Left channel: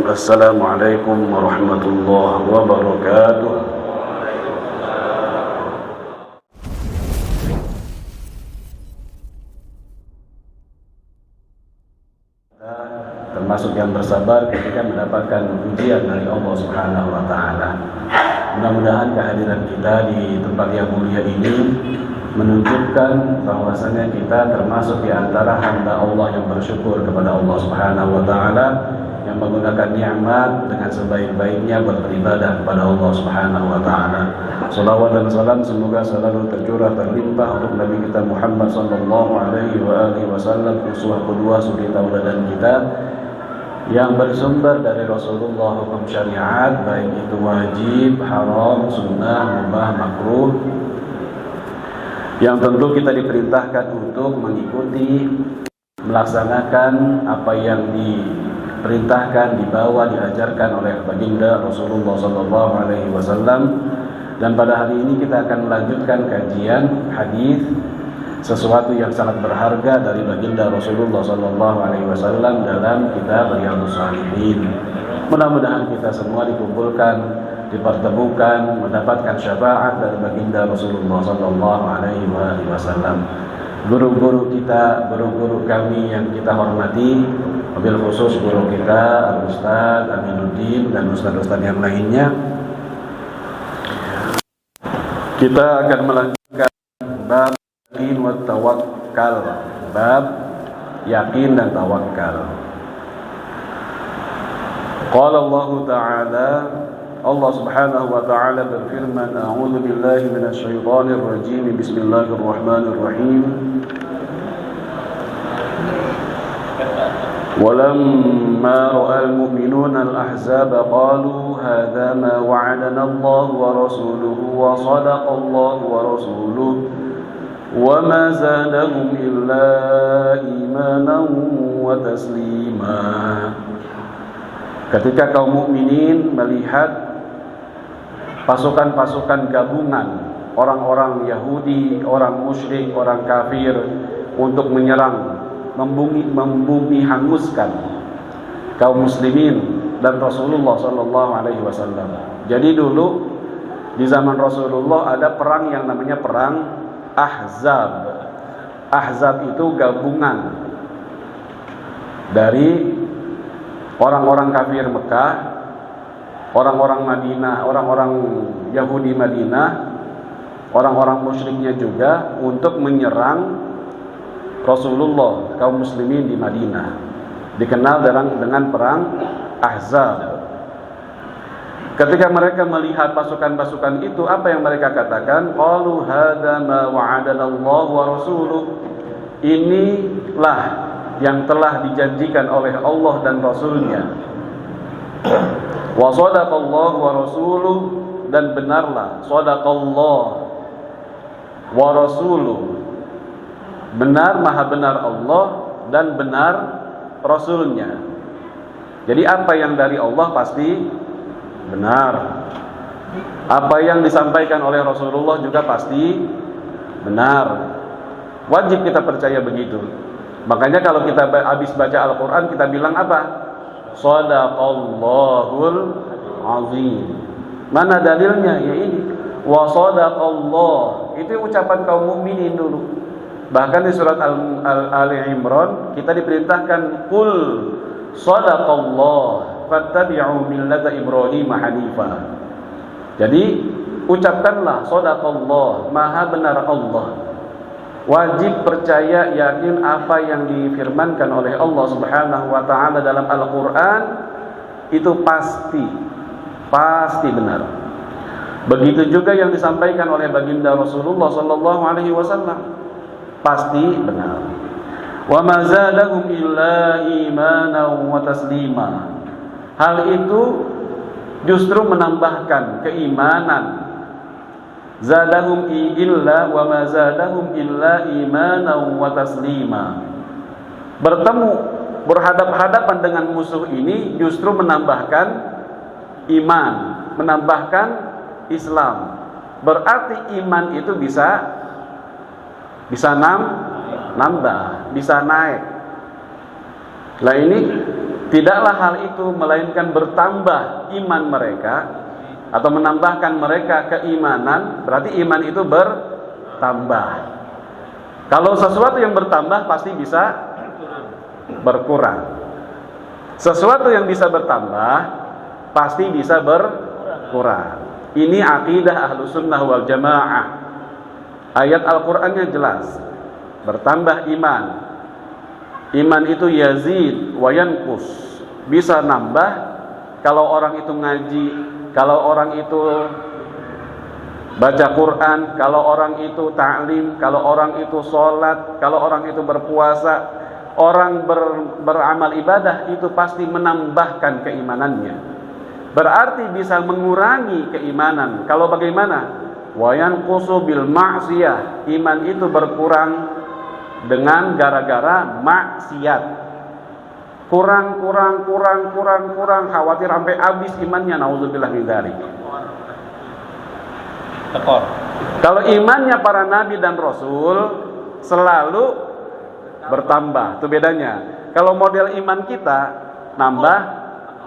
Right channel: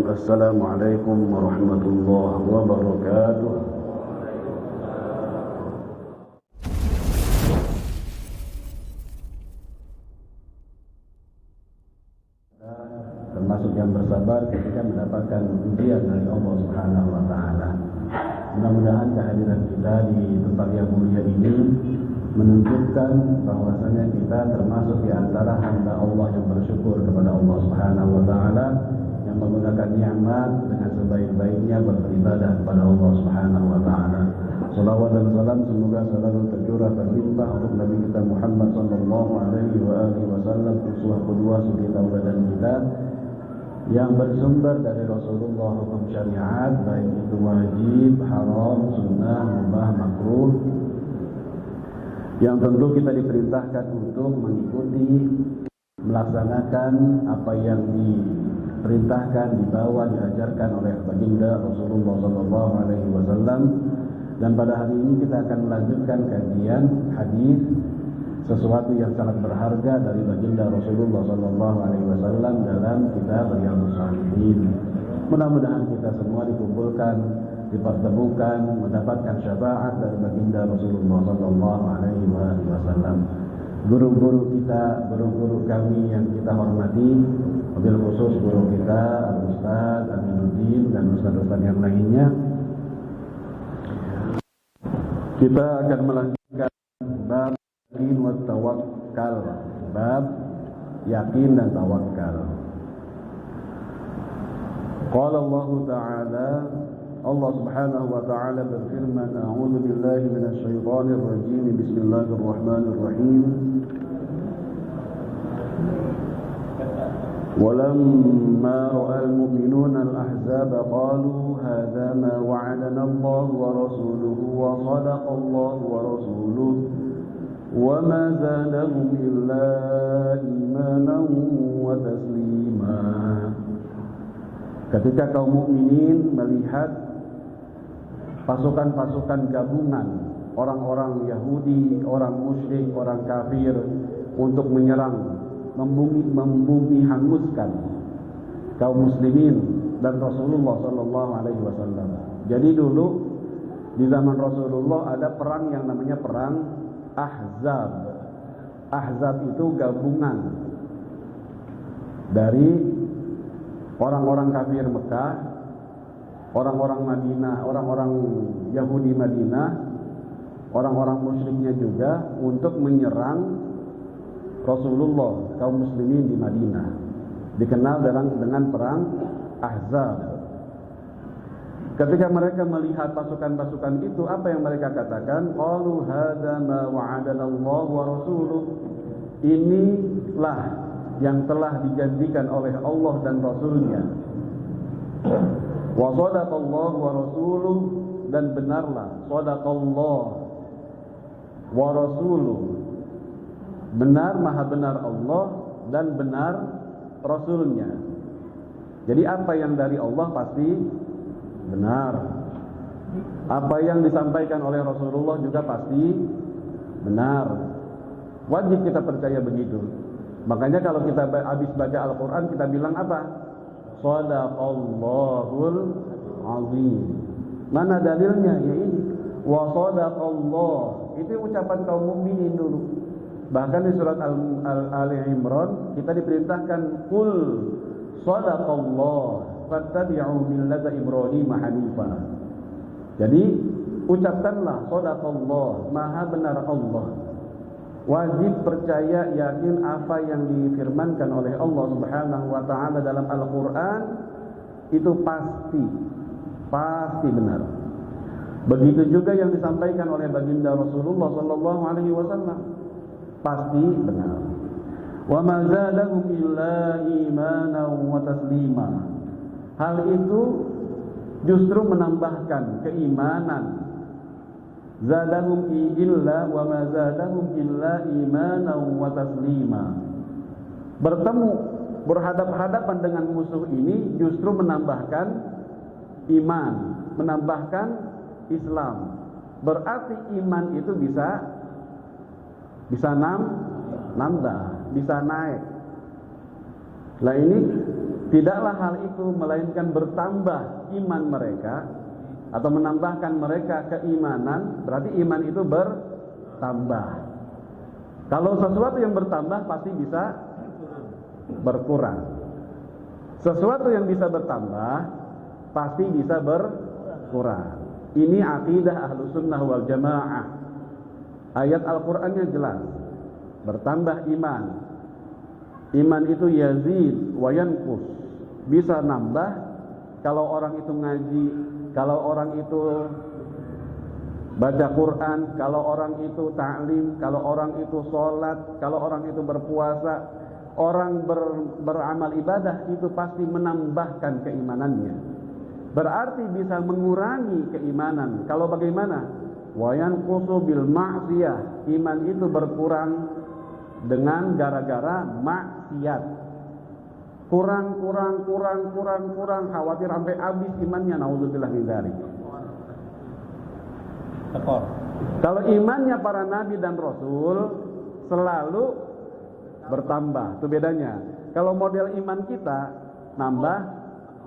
Assalamualaikum warahmatullahi wabarakatuh. Termasuk yang bersabar ketika mendapatkan ujian dari Allah Subhanahu wa taala. Mudah-mudahan kehadiran kita di tempat yang mulia ini menunjukkan bahwasanya kita termasuk di antara hamba Allah yang bersyukur kepada Allah Subhanahu wa taala, yang menggunakan nikmat dengan sebaik-baiknya beribadah kepada Allah Subhanahu wa taala. Salawat dan salam semoga selalu tercurah terlimpah untuk Nabi kita Muhammad sallallahu alaihi wasallam, uswah kedua suri tauladan kita, yang bersumber dari Rasulullah hukum syariat, baik itu wajib, haram, sunnah, mubah, makruh, yang tentu kita diperintahkan untuk mengikuti, melaksanakan apa yang diperintahkan, dibawa, diajarkan oleh baginda Rasulullah sallallahu alaihi wasallam. Dan pada hari ini kita akan melanjutkan kajian hadis, sesuatu yang sangat berharga dari baginda Rasulullah sallallahu alaihi wasallam dalam kitab Riyadhus Shalihin. Mudah-mudahan kita semua dikumpulkan, dipertemukan, mendapatkan syafaat dari baginda Rasulullah sallallahu alaihi wasallam. Guru-guru kita, guru-guru kami yang kita hormati, wabil khusus guru kita Al-Ustaz Aminuddin dan ustaz-ustaz yang lainnya. Kita akan melanjutkan bab yakin wa tawakkal, bab yakin dan tawakal. Qala Allah Ta'ala, Allah Subhanahu wa taala berfirman, a'udzu billahi minasy syaithanir rajim, bismillahirrahmanirrahim. ولما رأى المؤمنون الأحزاب قالوا هذا ما وعدنا الله ورسوله وصدق الله ورسوله وما زادهم إلا إيمانا وتسليما. Ketika kaum mukminin melihat pasukan-pasukan gabungan orang-orang Yahudi, orang musyrik, orang kafir untuk menyerang, membumi hanguskan kaum muslimin dan Rasulullah sallallahu alaihi wasallam. Jadi dulu di zaman Rasulullah ada perang yang namanya perang Ahzab. Ahzab itu gabungan dari orang-orang kafir Mekah, orang-orang Madinah, orang-orang Yahudi Madinah, orang-orang musyriknya juga untuk menyerang Rasulullah, kaum muslimin di Madinah. Dikenal dengan perang Ahzab. Ketika mereka melihat pasukan-pasukan itu, apa yang mereka katakan? Qalu hadza ma wa'adana Allah wa rasuluh. Inilah yang telah dijanjikan oleh Allah dan Rasulnya. Wa sadaqallahu wa rasuluh, dan benarlah sadaqallah wa rasuluh, benar, maha benar Allah dan benar Rasulnya. Jadi apa yang dari Allah pasti benar, apa yang disampaikan oleh Rasulullah juga pasti benar. Wajib kita percaya begitu. Makanya kalau kita habis baca Al-Quran, kita bilang apa? Shadaqallahul azim. Mana dalilnya? Ya ini, wa sadaqallah. Itu ucapan kaum mukminin dulu. Bahkan di surat Ali Imran kita diperintahkan qul sadaqallah fattabi'u millata Ibrahim hanifa. Jadi ucapkanlah sadaqallah, maha benar Allah. Wajib percaya, yakin apa yang difirmankan oleh Allah Subhanahu wa taala dalam Al-Qur'an itu pasti benar. Begitu juga yang disampaikan oleh baginda Rasulullah sallallahu alaihi wasallam pasti benar. Wa ma zadahum illa imanan wa taslima. Hal itu justru menambahkan keimanan. Zadahum illa wa ma zadahum illa imanan wa taslima. Bertemu, berhadap-hadapan dengan musuh ini justru menambahkan iman, menambahkan Islam. Berarti iman itu bisa nambah, bisa naik. Nah ini Tidaklah hal itu melainkan bertambah iman mereka atau menambahkan mereka keimanan, berarti iman itu bertambah. Kalau sesuatu yang bertambah pasti bisa berkurang. Sesuatu yang bisa bertambah pasti bisa berkurang. Ini akidah Ahlussunnah wal Jamaah. Ayat Al-Qur'annya jelas. Bertambah iman. Iman itu yazid wa yanqus. Bisa nambah kalau orang itu ngaji, kalau orang itu baca Quran, kalau orang itu ta'lim, kalau orang itu sholat, kalau orang itu berpuasa, orang beramal ibadah itu pasti menambahkan keimanannya. Berarti bisa mengurangi keimanan. Kalau bagaimana? Wa yanqusu bil ma'siyah. Iman itu berkurang dengan gara-gara maksiat. Kurang, khawatir sampai habis imannya, naudzubillah min dzalik. Kalau imannya para nabi dan rasul selalu bertambah, itu bedanya. Kalau model iman kita nambah,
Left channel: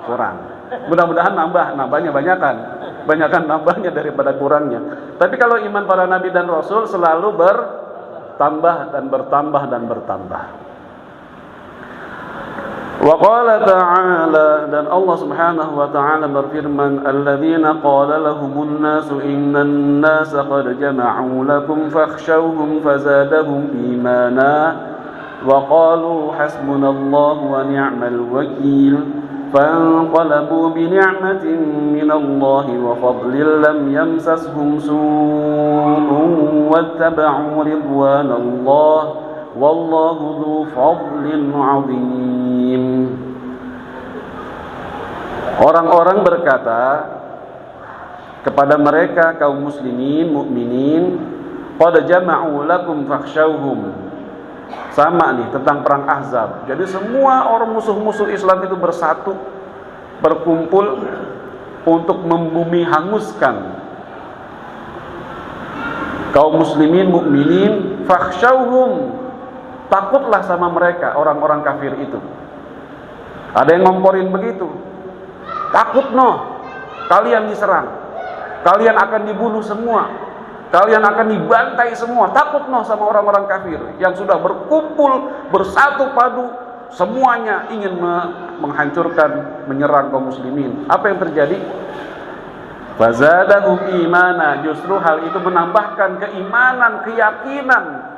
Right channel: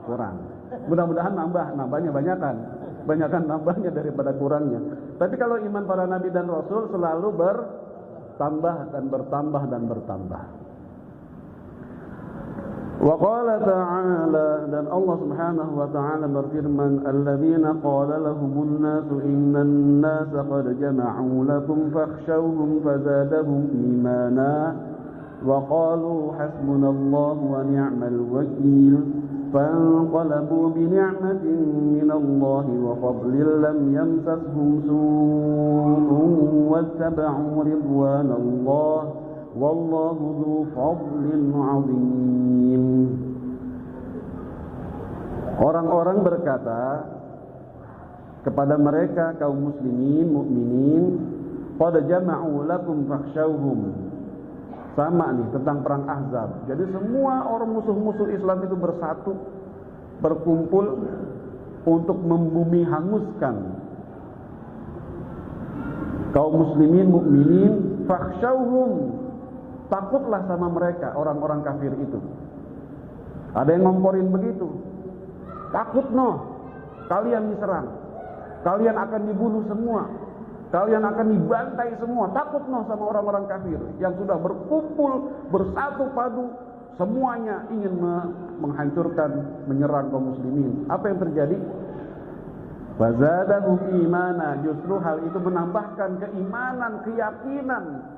kurang. Mudah-mudahan nambahnya banyakan nambahnya daripada kurangnya. Tapi kalau iman para nabi dan rasul selalu bertambah dan bertambah. Wa qala ta'ala, dan Allah Subhanahu wa ta'ala berfirman, alladzina qala lahumun nasu innan nasa qad jama'u lakum fakhshawhum fazadahum imana wa qalu hasbunallahu wa ni'mal wakeel fanqalabu bi ni'matin minallahi wa fadlin lam yamsashum su'un wattaba'u ridwanallahi wallahu dzu fadlin 'adzim. Orang-orang berkata kepada mereka kaum muslimin, mukminin, qad jama'u lakum fakhshawhum. Sama nih tentang perang Ahzab. Jadi semua orang musuh-musuh Islam itu bersatu, berkumpul untuk membumi hanguskan kaum muslimin, mukminin, fakhshawhum. Takutlah sama mereka, orang-orang kafir itu. Ada yang ngomporin begitu. Takut kalian diserang, kalian akan dibunuh semua, kalian akan dibantai semua. Takut sama orang-orang kafir yang sudah berkumpul, bersatu padu, semuanya ingin menghancurkan, menyerang kaum muslimin. Apa yang terjadi? Fazadahum imana, justru hal itu menambahkan keimanan, keyakinan.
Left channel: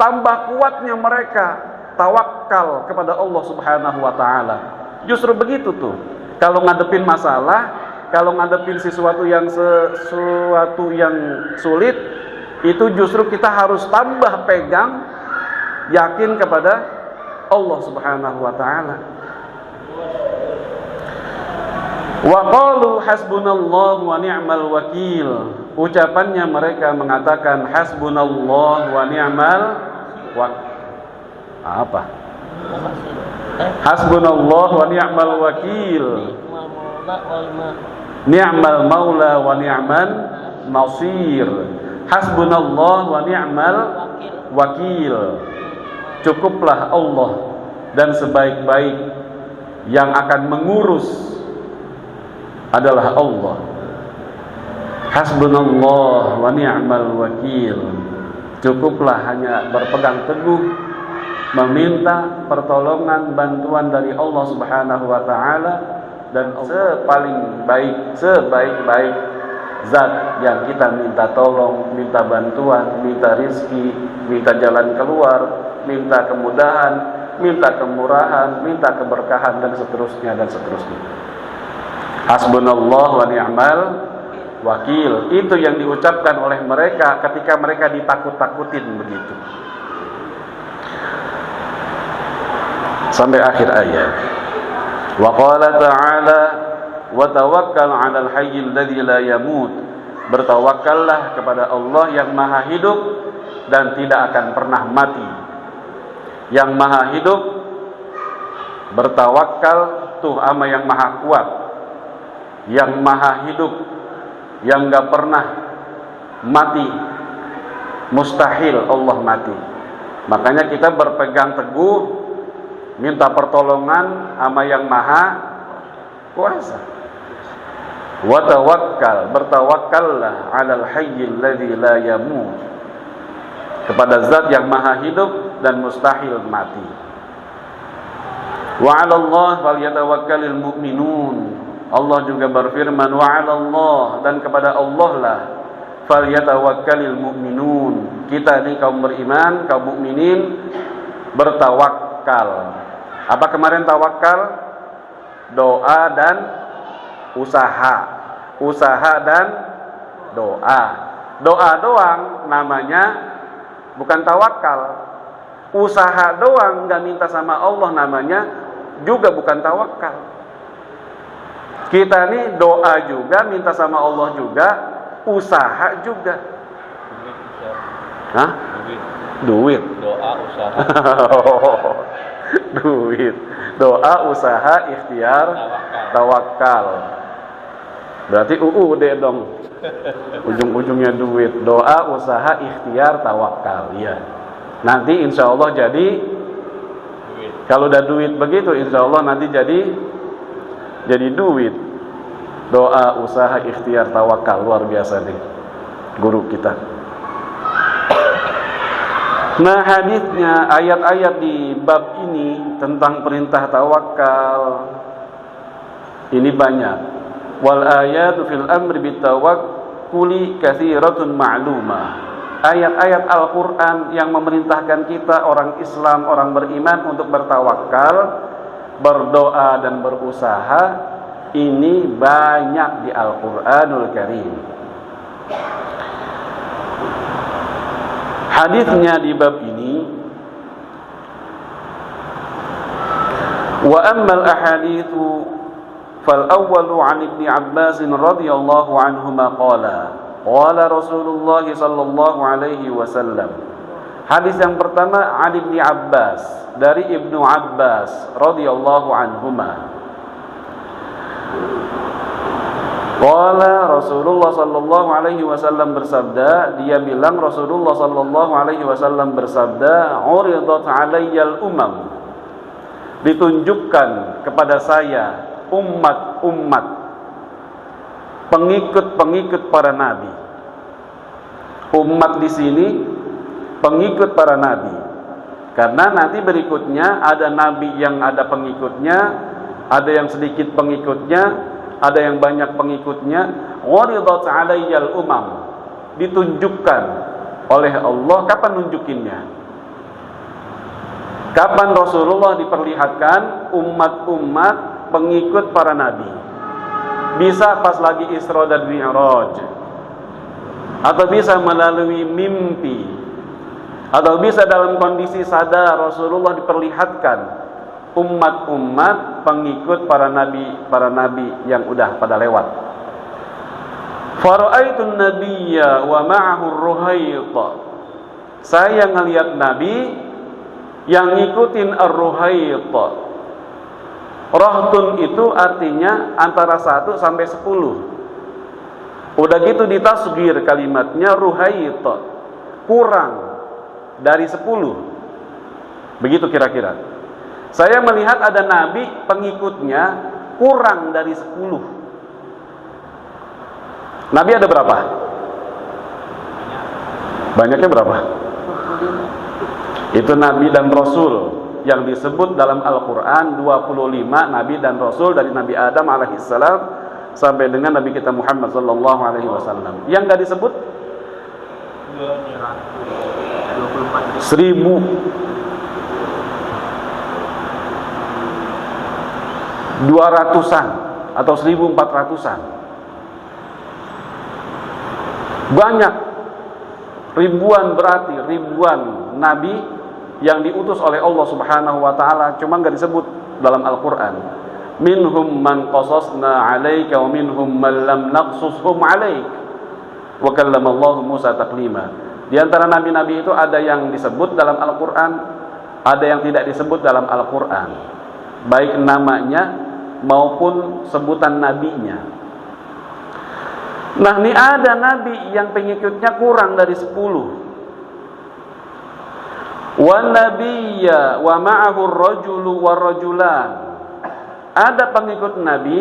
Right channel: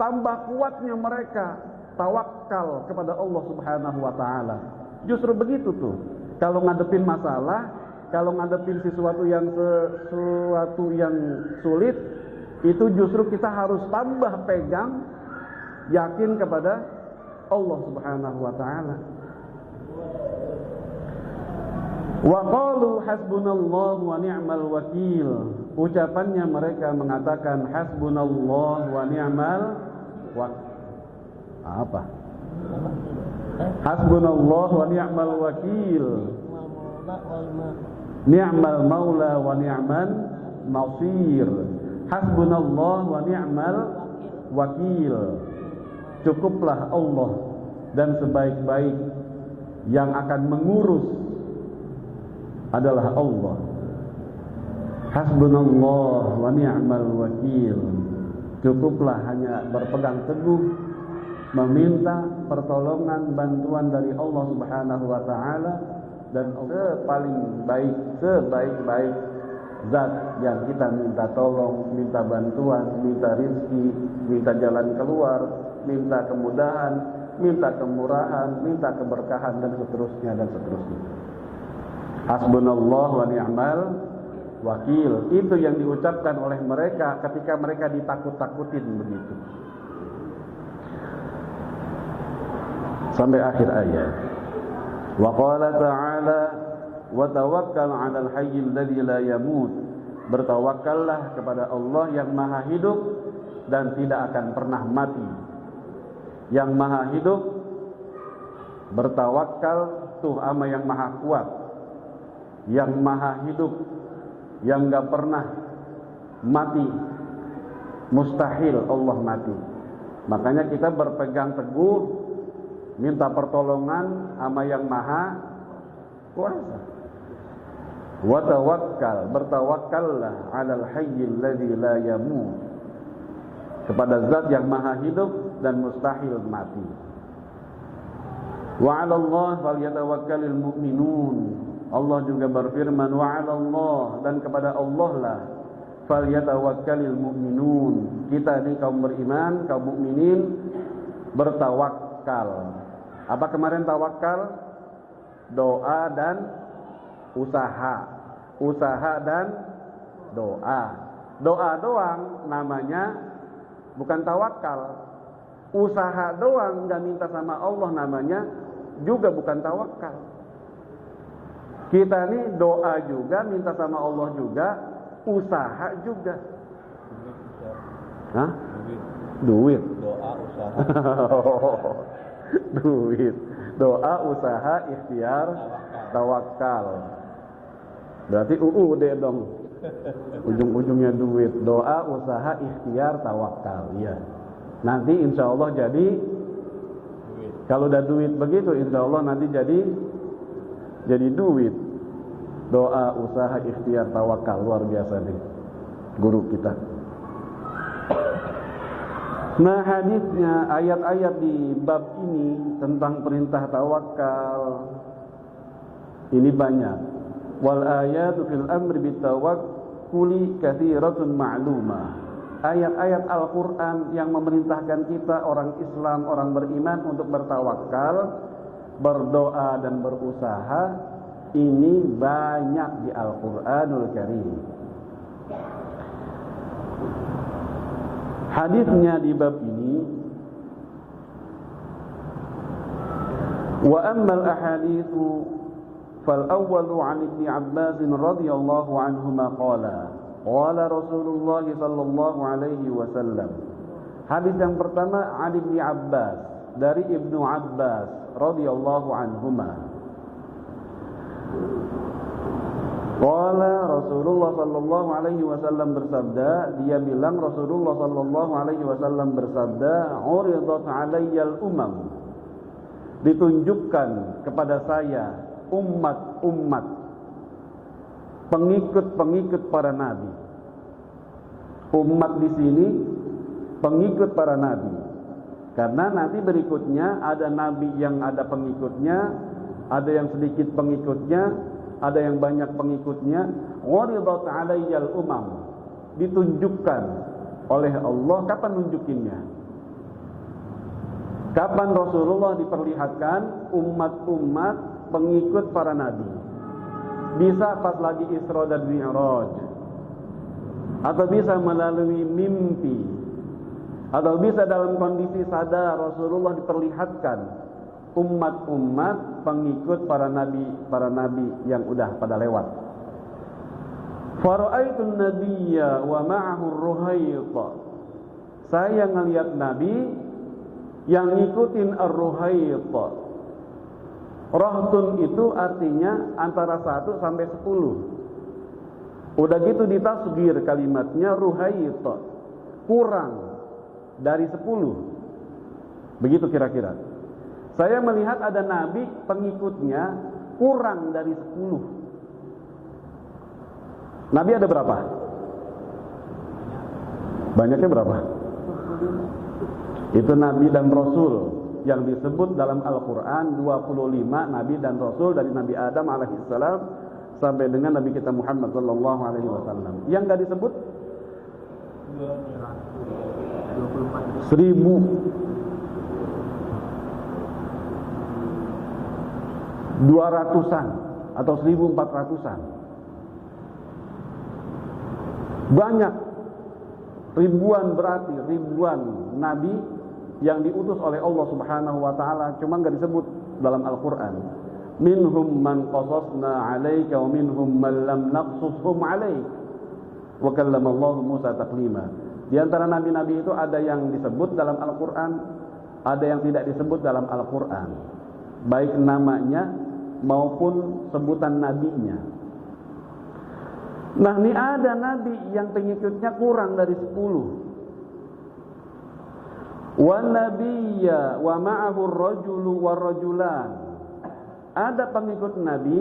Tambah kuatnya mereka tawakal kepada Allah Subhanahu wa ta'ala. Justru begitu tuh. Kalau ngadepin masalah, kalau ngadepin sesuatu yang sulit, itu justru kita harus tambah pegang, yakin kepada Allah Subhanahu wa ta'ala. Wa qalu hasbunallahu wa ni'mal wakeel. Ucapannya mereka mengatakan hasbunallahu wa ni'mal hasbunallahu wa ni'mal wakeel. Ni'mal maula wa ni'man nasir. Hasbunallahu wa ni'mal wakeel. Cukuplah Allah dan sebaik-baik yang akan mengurus adalah Allah. Hasbunallah wa ni'mal wakeel. Cukuplah hanya berpegang teguh, meminta pertolongan, bantuan dari Allah Subhanahu wa ta'ala. Dan sebaik-baik zat yang kita minta tolong, minta bantuan, minta rizki, minta jalan keluar, minta kemudahan, minta kemurahan, minta keberkahan, dan seterusnya. Hasbunallah wa ni'mal wakil. Itu yang diucapkan oleh mereka ketika mereka ditakut-takutin begitu. Sampai akhir ayat. Wa qala ta'ala wa tawakkal 'alal hayyil ladzi la yamut. Bertawakkallah kepada Allah yang maha hidup dan tidak akan pernah mati. Yang maha hidup, bertawakal tuh ama yang maha kuat, yang maha hidup, yang gak pernah mati. Mustahil Allah mati. Makanya kita berpegang teguh minta pertolongan sama yang maha kuasa. Wa tawakkal, bertawakkallah 'alal hayyil ladzi la yamut, kepada zat yang maha hidup dan mustahil mati. Wa 'alallahi falyatawakkalul mu'minun. Allah juga berfirman, wa 'alallah, dan kepada Allah lah falyatawakkalul mu'minun. Kita ini kaum beriman, kaum mukminin bertawakal. Apa kemarin tawakal? Doa dan usaha. Usaha dan doa. Doa doang namanya bukan tawakal. Usaha doang nggak minta sama Allah namanya juga bukan tawakal. Kita nih doa juga, minta sama Allah juga, usaha juga. Hah? Duit. Doa usaha. Duit. Doa usaha ikhtiar tawakal. Berarti UUD dong. Ujung-ujungnya duit. Doa usaha ikhtiar tawakal. Iya. Nanti insya Allah jadi duit. Kalau udah duit begitu insya Allah nanti jadi duit. Doa usaha ikhtiar tawakal, luar biasa nih guru kita. Nah, hadisnya, ayat-ayat di bab ini tentang perintah tawakal ini banyak. Wal ayatu fil amri bitawakkuli katsiratun ma'lumah. Ayat-ayat Al-Qur'an yang memerintahkan kita orang Islam, orang beriman untuk bertawakal, berdoa dan berusaha ini banyak di Al-Qur'anul Karim. Hadisnya di bab ini, wa ammal ahaditsu fal awwalu 'an Ibnu Abbas radhiyallahu anhuma qala Rasulullah sallallahu alaihi wasallam. Hadis yang pertama 'an Ibnu Abbas, dari Ibnu Abbas radhiyallahu anhuma. Qala Rasulullah sallallahu alaihi wasallam bersabda, dia bilang Rasulullah sallallahu alaihi wasallam bersabda, uridat 'alayyal umam, ditunjukkan kepada saya umat-umat, pengikut-pengikut para nabi. Umat di sini pengikut para nabi. Karena nanti berikutnya ada nabi yang ada pengikutnya, ada yang sedikit pengikutnya, ada yang banyak pengikutnya. Uridat 'alayyal umam, ditunjukkan oleh Allah. Kapan nunjukinnya? Kapan Rasulullah diperlihatkan umat-umat pengikut para nabi? Bisa pas lagi Isra dan Mi'raj, atau bisa melalui mimpi, atau bisa dalam kondisi sadar Rasulullah diperlihatkan umat-umat pengikut para nabi yang udah pada lewat. Fara'aitun nabiyya wa ma'ahu ar-ruhayta, saya ngelihat nabi yang ngikutin ar-ruhayta. Rahtun itu artinya antara 1 sampai 10. Udah gitu ditasghir kalimatnya ruhayta, kurang dari 10. Begitu kira-kira. Saya melihat ada nabi pengikutnya kurang dari 10. Nabi ada berapa? Banyaknya berapa? Itu nabi dan rasul yang disebut dalam Al-Quran 25 nabi dan rasul, dari Nabi Adam alaihissalam sampai dengan Nabi kita Muhammad sallallahu alaihi wasallam. Yang enggak disebut 1.200-an atau 1.400-an. Banyak, ribuan, berarti ribuan nabi yang diutus oleh Allah Subhanahu wa taala, cuma enggak disebut dalam Al-Qur'an. Minhum man qasasna 'alaika wa minhum man lam naqsushum 'alaik. Wa kallama Allah Musa taklima. Di antara nabi-nabi itu ada yang disebut dalam Al-Qur'an, ada yang tidak disebut dalam Al-Qur'an, baik namanya maupun sebutan nabinya. Nah, ini ada nabi yang pengikutnya kurang dari 10. Wa nabiyya wa ma'ahu ar-rajulu war-rajulan. Ada pengikut Nabi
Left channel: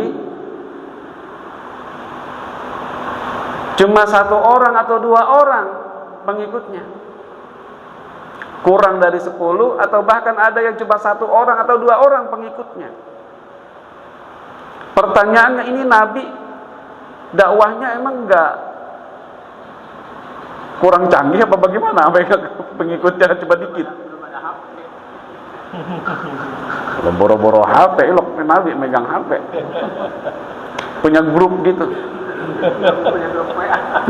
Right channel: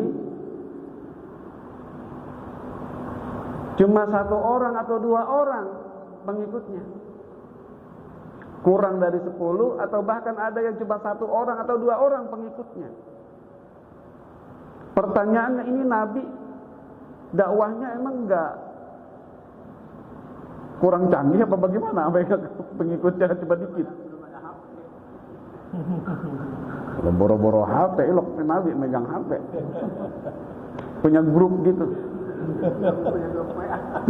cuma 1 orang atau 2 orang pengikutnya. Kurang dari 10 atau bahkan ada yang cuma 1 orang atau 2 orang pengikutnya. Pertanyaannya, ini Nabi dakwahnya emang enggak kurang canggih apa bagaimana? Pengikutnya cuma dikit. Boro-boro HP, loh Nabi megang HP. Punya grup gitu.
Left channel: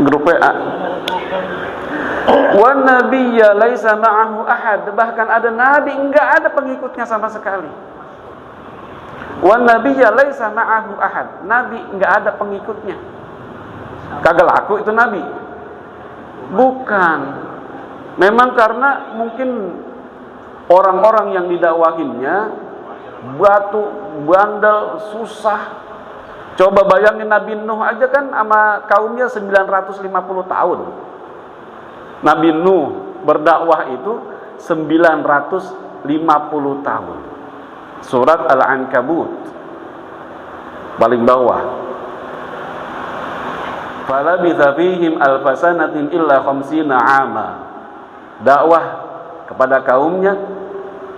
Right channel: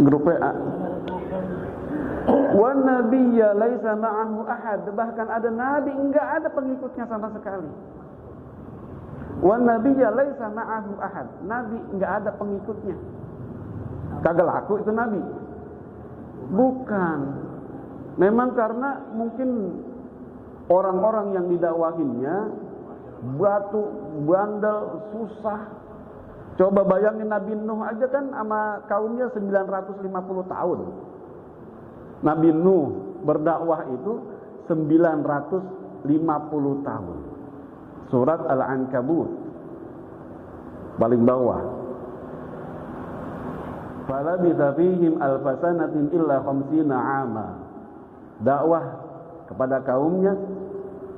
Grup WA. Wa nabiyya laisa ma'ahu ahad. Bahkan ada nabi enggak ada pengikutnya sama sekali. Wa nabiyya laisa ma'ahu ahad. Nabi enggak ada pengikutnya. Kagak laku itu nabi. Bukan. Memang karena mungkin orang-orang yang didakwahinnya batu, bandel, susah. Coba bayangin Nabi Nuh aja kan sama kaumnya 950 tahun. Nabi Nuh berdakwah itu 950 tahun. Surat Al-Ankabut paling bawah. Falabitha fihim alfasanatin illa khamsina ama. Dakwah kepada kaumnya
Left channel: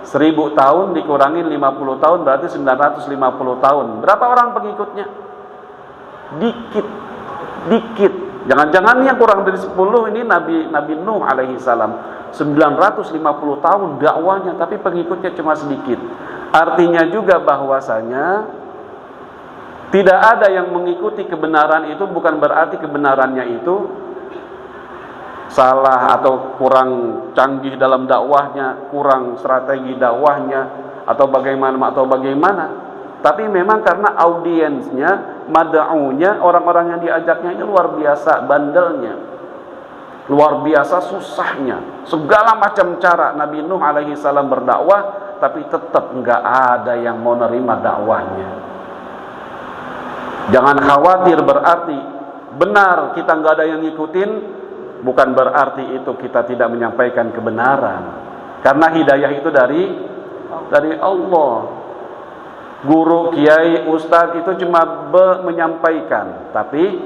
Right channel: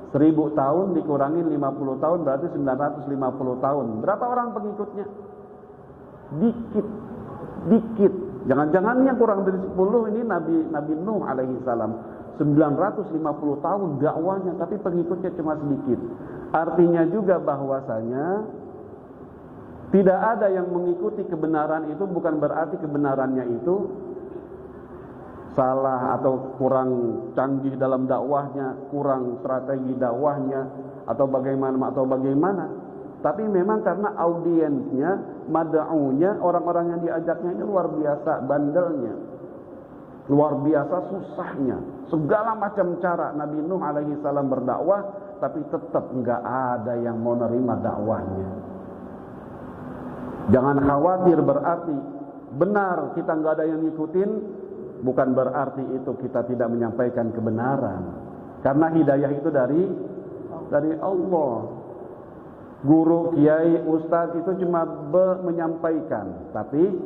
1000 tahun dikurangin 50 tahun berarti 950 tahun. Berapa orang pengikutnya? Dikit. Jangan-jangan yang kurang dari 10 ini Nabi Nuh alaihi salam 950 tahun dakwahnya, tapi pengikutnya cuma sedikit. Artinya juga bahwasanya tidak ada yang mengikuti kebenaran itu bukan berarti kebenarannya itu salah atau kurang canggih dalam dakwahnya, kurang strategi dakwahnya atau bagaimana. Tapi memang karena audiensnya, mad'unya, orang-orang yang diajaknya ini luar biasa bandelnya, luar biasa susahnya. Segala macam cara Nabi Nuh alaihi salam berdakwah, tapi tetap enggak ada yang mau nerima dakwahnya. Jangan khawatir, berarti benar kita enggak ada yang ngikutin, bukan berarti itu kita tidak menyampaikan kebenaran. Karena hidayah itu dari Allah. Guru, kiai, ustadz itu cuma menyampaikan, tapi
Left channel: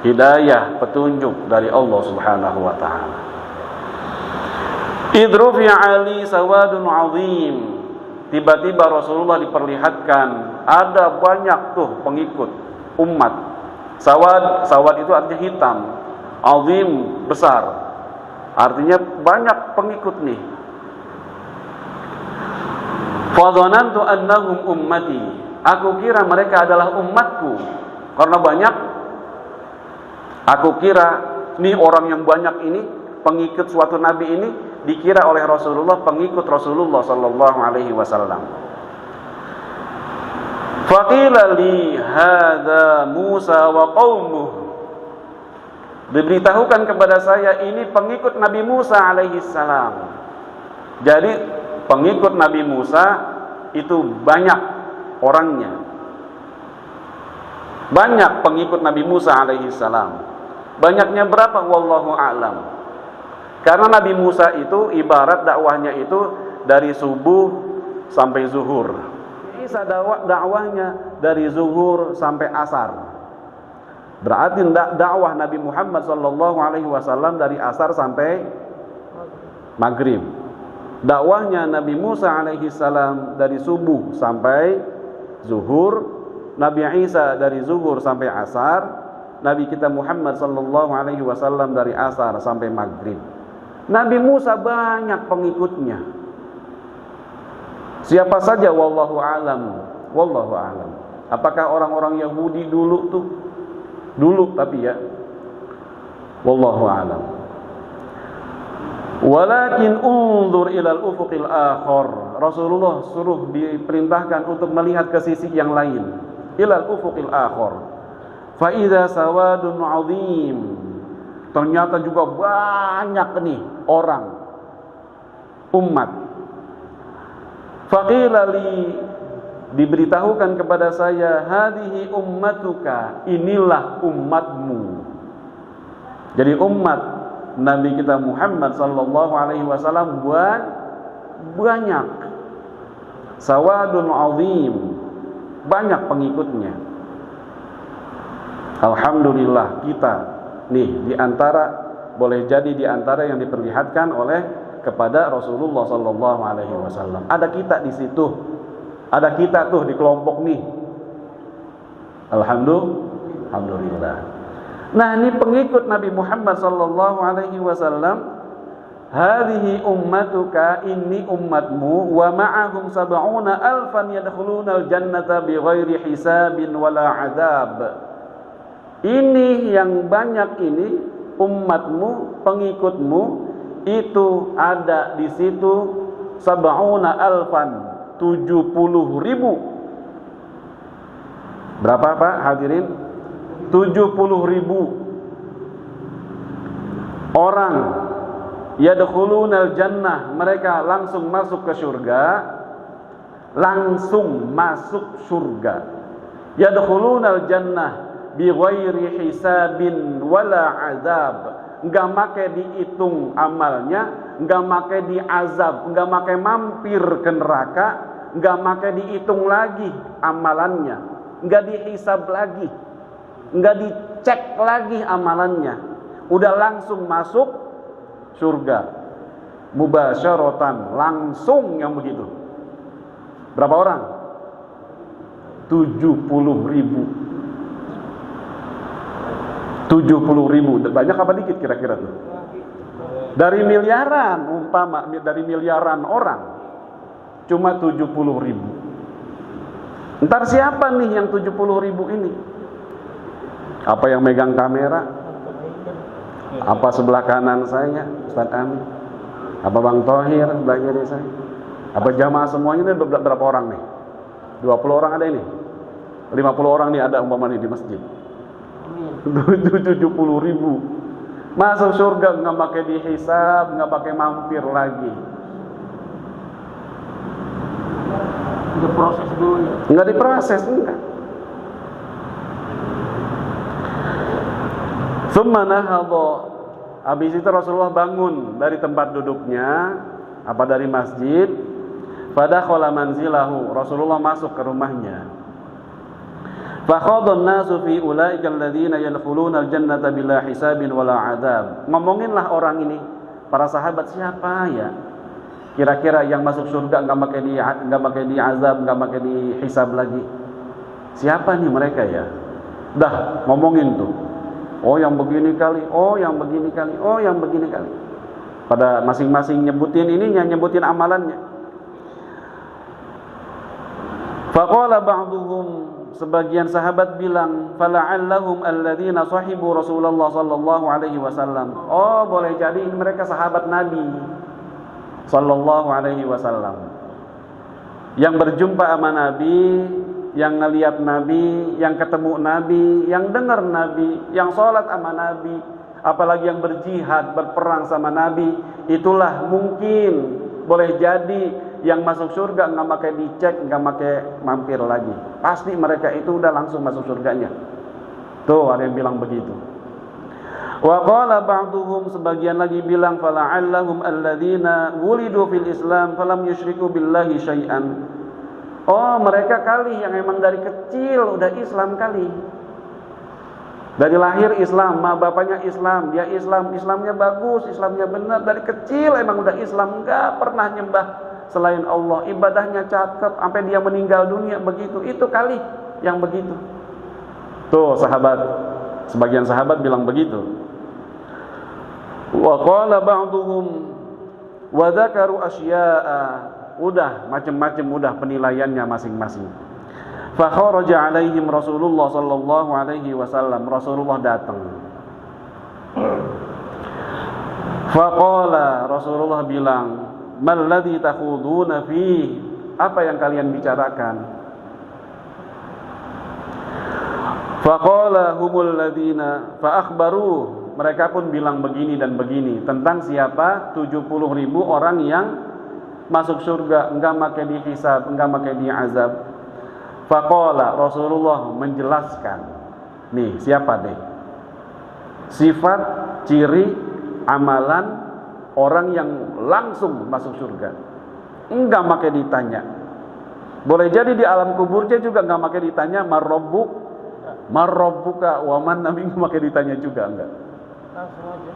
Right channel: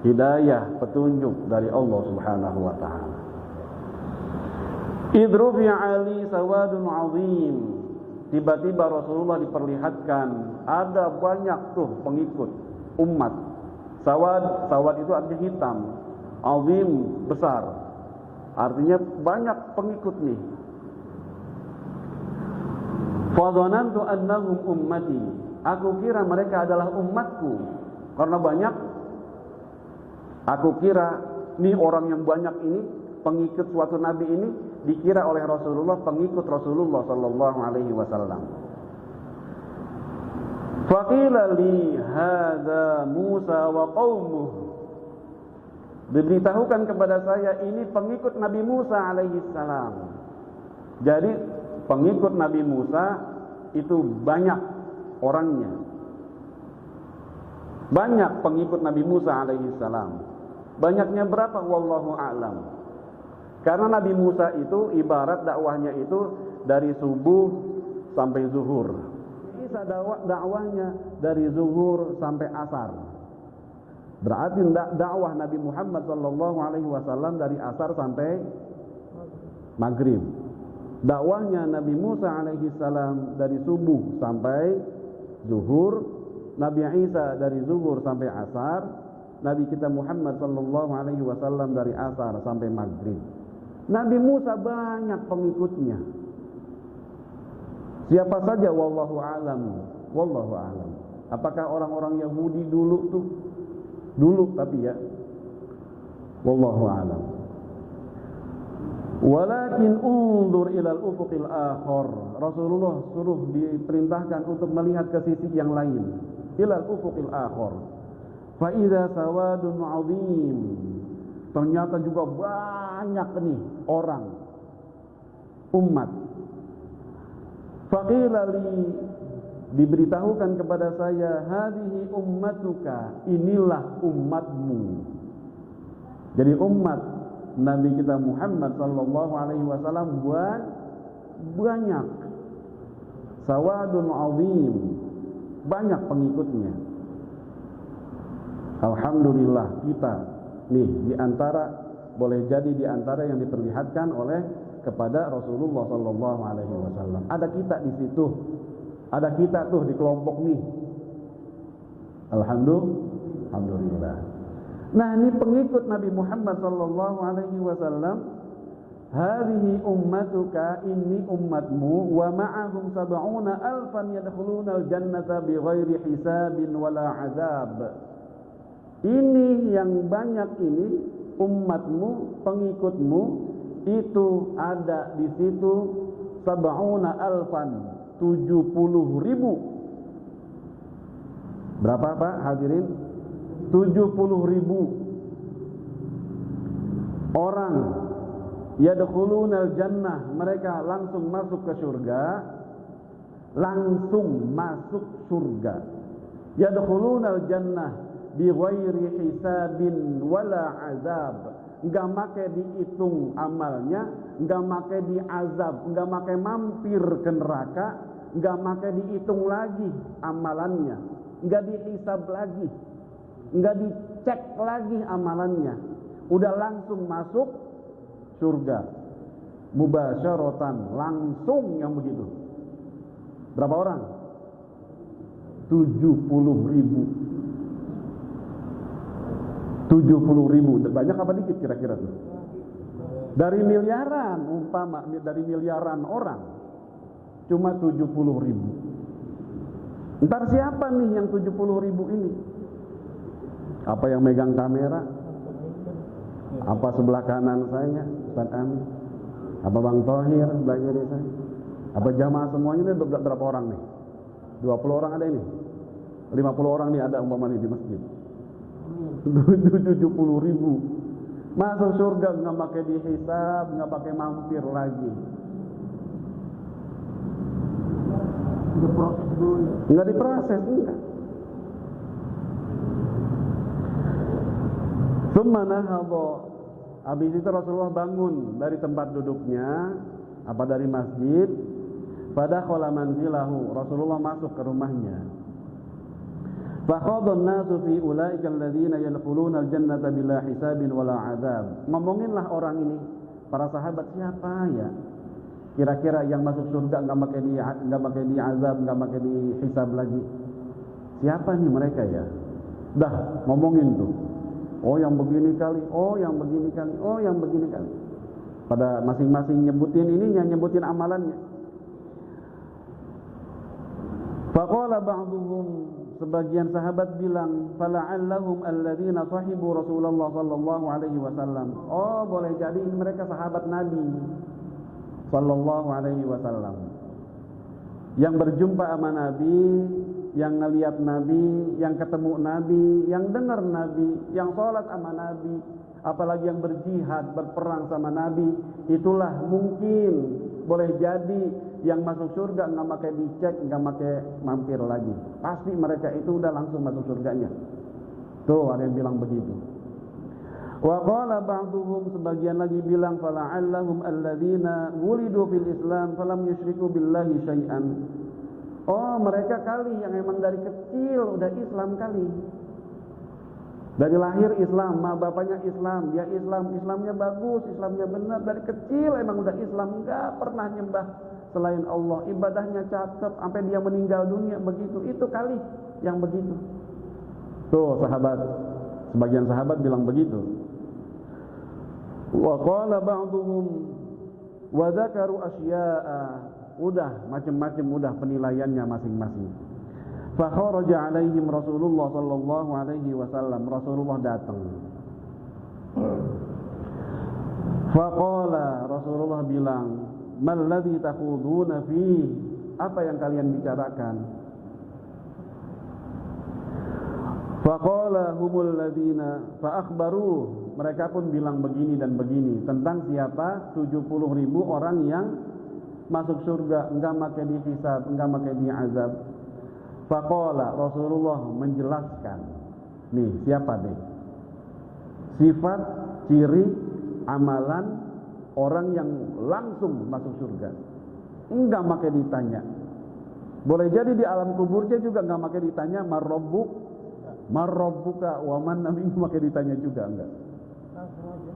hidayah, petunjuk dari Allah Subhanahu wa taala. Idruf ya Ali sawadun azim. Tiba-tiba Rasulullah diperlihatkan ada banyak tuh pengikut umat. Sawad itu artinya hitam, azim besar. Artinya banyak pengikut nih. Fadhanantu annahum ummati. Aku kira mereka adalah umatku. Karena banyak, aku kira nih orang yang banyak ini, pengikut suatu nabi ini dikira oleh Rasulullah pengikut Rasulullah sallallahu alaihi wasallam. Faqila li hadza Musa wa qaumuh. Diberitahukan kepada saya ini pengikut Nabi Musa alaihi salam. Jadi pengikut Nabi Musa itu banyak orangnya. Banyak pengikut Nabi Musa alaihi salam. Banyaknya berapa? Wallahu a'lam. Karena Nabi Musa itu ibarat dakwahnya itu dari subuh sampai zuhur. Isa dakwahnya dari zuhur sampai asar. Berarti dakwah Nabi Muhammad sallallahu alaihi wasallam dari asar sampai maghrib. Dakwahnya Nabi Musa alaihi salam dari subuh sampai zuhur, Nabi Isa dari zuhur sampai asar, Nabi kita Muhammad sallallahu alaihi wasallam dari asar sampai maghrib. Nabi Musa banyak pengikutnya. Siapa saja? Wallahu a'lam. Wallahu a'lam. Apakah orang-orang Yahudi dulu tuh? Dulu tapi ya. Wallahu a'lam. Walakin unzur ilal ufuqil akhar. Rasulullah suruh diperintahkan untuk melihat ke sisi yang lain. Ilal ufuqil akhar. Fa idza sawadun 'azim. Ternyata juga banyak nih orang umat. Faqila li, diberitahukan kepada saya, hadhihi ummatuka, inilah umatmu. Jadi umat Nabi kita Muhammad sallallahu alaihi wasallam banyak. Sawadun azim, banyak pengikutnya. Alhamdulillah kita nih boleh jadi di antara yang diperlihatkan oleh kepada Rasulullah sallallahu alaihi wasallam. Ada kita di situ. Ada kita tuh di kelompok nih. Alhamdulillah. Nah, ini pengikut Nabi Muhammad sallallahu alaihi wasallam. Hadhihi ummatuka, ini ummatmu, wa ma'ahum sab'una alfan yadkhulunal jannata bighairi hisabin wala azab. Ini yang banyak ini umatmu, pengikutmu itu ada di situ sab'una alfan, 70.000. Berapa Pak hadirin? 70.000 orang yadkhulunal jannah, mereka langsung masuk ke surga. Yadkhulunal jannah bighairi hisabin wala azab. Enggak make dihitung amalnya, enggak make diazab, enggak make mampir ke neraka, enggak make dihitung lagi amalannya, enggak dihisab lagi, enggak dicek lagi amalannya. Udah langsung masuk surga mubasyaratan, langsung yang begitu. Berapa orang? 70.000. Banyak apa dikit kira-kira tuh? Dari miliaran, dari miliaran orang cuma 70.000. Ntar siapa nih yang 70.000 ini? Apa yang megang kamera? Apa sebelah kanan saya, Ustaz Amin? Apa Bang Thohir sebelah kiri saya? Apa jamaah semuanya ini berapa orang nih? 20 orang ada ini? 50 orang nih ada umpama nih di masjid. 70.000 masuk surga, nggak pakai dihisab, nggak pakai mampir lagi. Diproses dulu ya? Nggak diproses, enggak. Tsumma nahadha, habis itu Rasulullah bangun dari tempat duduknya, dari masjid. Fadakhala manzilahu, Rasulullah masuk ke rumahnya. Fakhadha an-nasu fi ulaika alladziina yadkhuluna al-jannata bila hisabin wala adzab. Ngomonginlah orang ini, para sahabat, siapa ya kira-kira yang masuk surga enggak pakai diazab, enggak pakai dihisab lagi? Siapa nih mereka ya? Dah ngomongin tuh. Oh yang begini kali, oh yang begini kali, oh yang begini kali. Pada masing-masing nyebutin ininya, nyebutin amalannya. Faqala ba'duhum, sebagian sahabat bilang, fala'allahum alladziina sahibu Rasulullah sallallahu alaihi wasallam. Oh, boleh jadi ini mereka sahabat Nabi sallallahu alaihi wasallam. Yang berjumpa sama Nabi, yang ngelihat Nabi, yang ketemu Nabi, yang dengar Nabi, yang sholat sama Nabi, apalagi yang berjihad, berperang sama Nabi, itulah mungkin boleh jadi yang masuk surga nggak pakai dicek, nggak pakai mampir lagi. Pasti mereka itu udah langsung masuk surganya. Tuh ada yang bilang begitu. Wa qala ba'duhum, sebagian lagi bilang, fala'allahum alladziina wulidu fil Islam falam yusyriku billahi syai'an. Oh, mereka kali yang emang dari kecil udah Islam kali. Dari lahir Islam, bapaknya Islam, dia Islamnya bagus, Islamnya benar, dari kecil emang udah Islam, enggak pernah nyembah selain Allah, ibadahnya cakep sampai dia meninggal dunia begitu. Itu kali yang begitu. Tuh sahabat, sebagian sahabat bilang begitu. Wa qala ba'duhum wa dzakaru asya'a. Udah macam-macam, udah penilaiannya masing-masing. Fa kharaja alaihim Rasulullah sallallahu alaihi wasallam. Rasulullah datang. Fa qala, Rasulullah bilang, mal ladzi takhuduna fi, apa yang kalian bicarakan? Fa qala humul ladzina fa akhbaru, mereka pun bilang begini dan begini tentang siapa 70.000 orang yang masuk surga, enggak pakai dihisab, enggak pakai diazab. Faqala, Rasulullah menjelaskan. Nih, siapa deh? Sifat, ciri amalan orang yang langsung masuk surga. Enggak pakai ditanya. Boleh jadi di alam kuburnya juga enggak pakai ditanya marrabbuka wa man nabi, enggak pakai ditanya juga enggak.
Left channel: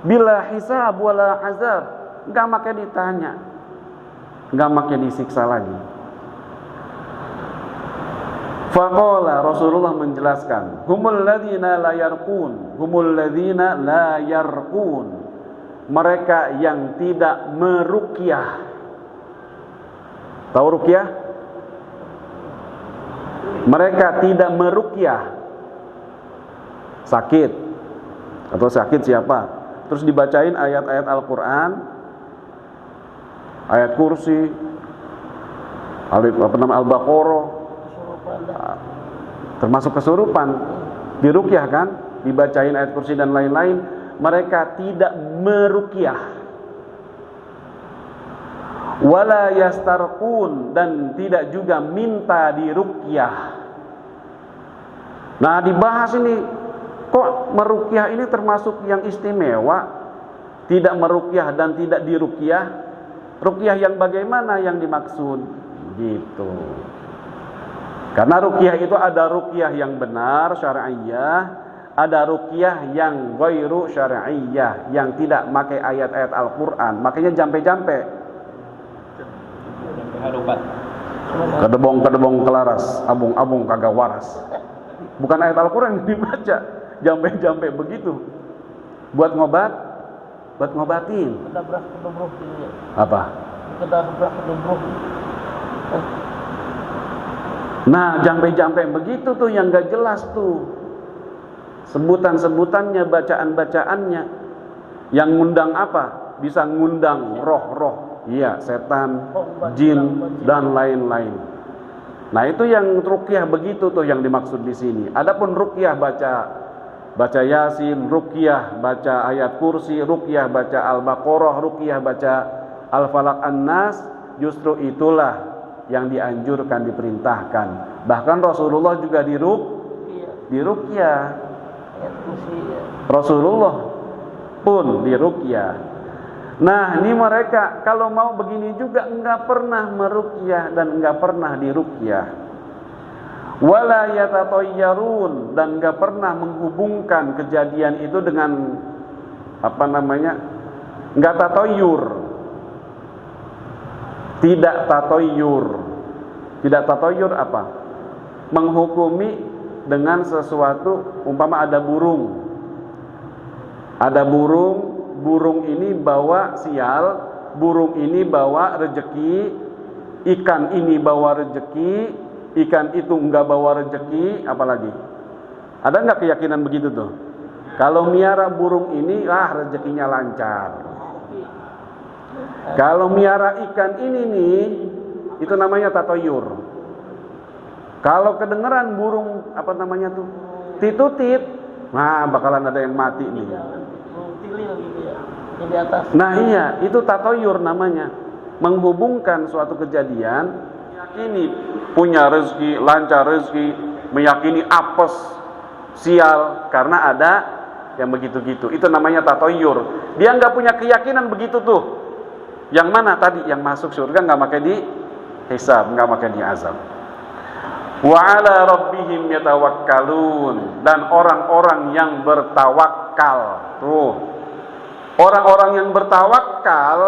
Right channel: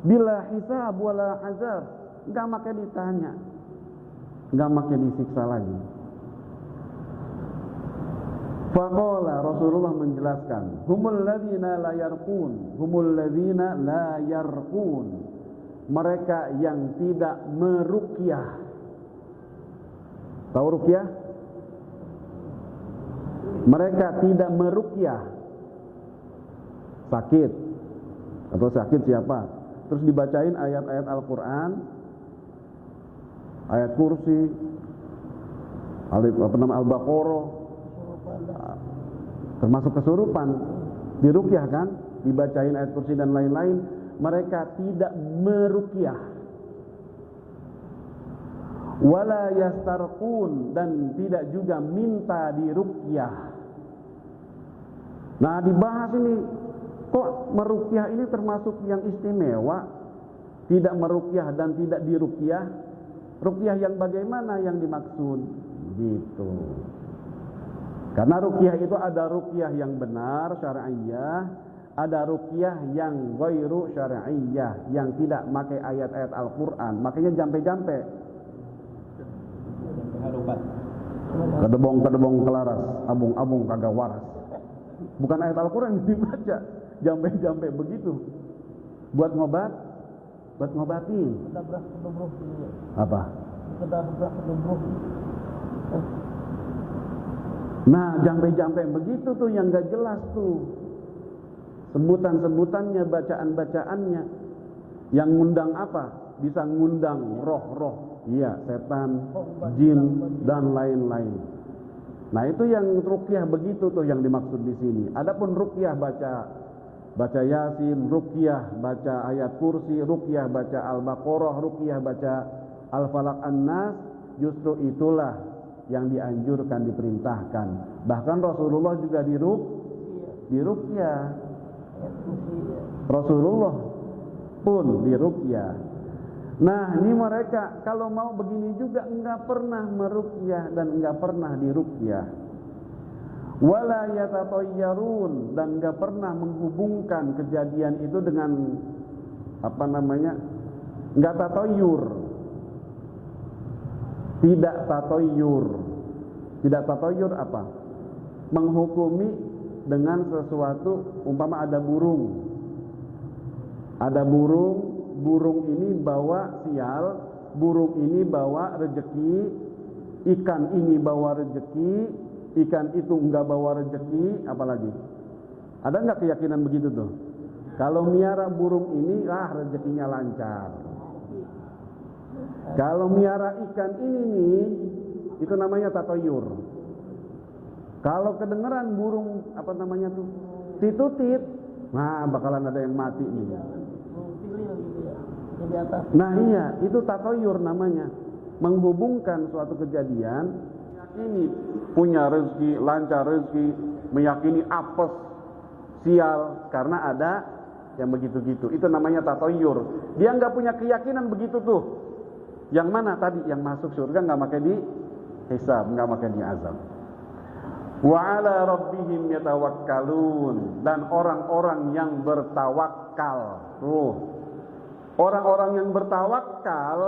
Bila hisab wala azab, enggak pakai ditanya. Enggak pakai disiksa lagi. Faqala, Rasulullah menjelaskan, humul ladzina la yarqun, mereka yang tidak meruqyah. Tahu ruqyah? Mereka tidak meruqyah. Sakit atau sakit siapa? Terus dibacain ayat-ayat Al-Qur'an, ayat kursi, Al-Baqarah, termasuk kesurupan, diruqyah kan, dibacain ayat kursi dan lain-lain. Mereka tidak meruqyah. Wala yastarqun, dan tidak juga minta diruqyah. Nah, dibahas ini, kok meruqyah ini termasuk yang istimewa? Tidak meruqyah dan tidak diruqyah. Ruqyah yang bagaimana yang dimaksud? Gitu. Karena ruqyah itu ada ruqyah yang benar syar'iyyah, ada ruqyah yang ghairu syar'iyyah, yang tidak pakai ayat-ayat Al-Qur'an, makanya jampe-jampe. Kedebong kelaras, abung-abung kagak waras. Bukan ayat Al-Qur'an yang dibaca, jampe-jampe begitu. Buat ngobatin. Apa? Nah, jampe-jampe begitu tuh yang gak jelas tuh. Sebutan-sebutannya, bacaan-bacaannya. Yang ngundang apa? Bisa ngundang roh-roh. Iya, setan, jin, dan lain-lain. Nah, itu yang ruqyah begitu tuh yang dimaksud di sini. Adapun ruqyah baca Yasin, ruqyah baca ayat kursi, ruqyah baca Al-Baqarah, ruqyah baca Al-Falaq An-Nas, justru itulah yang dianjurkan, diperintahkan. Bahkan Rasulullah juga diruqyah. Rasulullah pun diruqyah. Nah, ini mereka kalau mau begini juga enggak pernah meruqyah dan enggak pernah diruqyah. Wala yatatayyarun, dan enggak pernah menghubungkan kejadian itu dengan enggak tatayyur. Tidak tatayyur apa? Menghukumi dengan sesuatu, umpama ada burung. Ada burung ini bawa sial, burung ini bawa rejeki, ikan ini bawa rejeki, ikan itu enggak bawa rejeki, apalagi? Ada enggak keyakinan begitu tuh? Kalau miara burung ini, rezekinya lancar. Kalau miara ikan ini nih, itu namanya tatoyur. Kalau kedengeran burung titutit, bakalan ada yang mati nih. Nah iya, itu tatoyur namanya. Menghubungkan suatu kejadian, meyakini punya rezeki, lancar rezeki, meyakini apes, sial, karena ada yang begitu-gitu. Itu namanya tatoyur. Dia nggak punya keyakinan begitu tuh. Yang mana tadi? Yang masuk surga nggak pakai di hisab, nggak pakai di azab. Wa ala rabbihim yatawakkalun, dan orang-orang yang bertawakal. Tuh, orang-orang yang bertawakal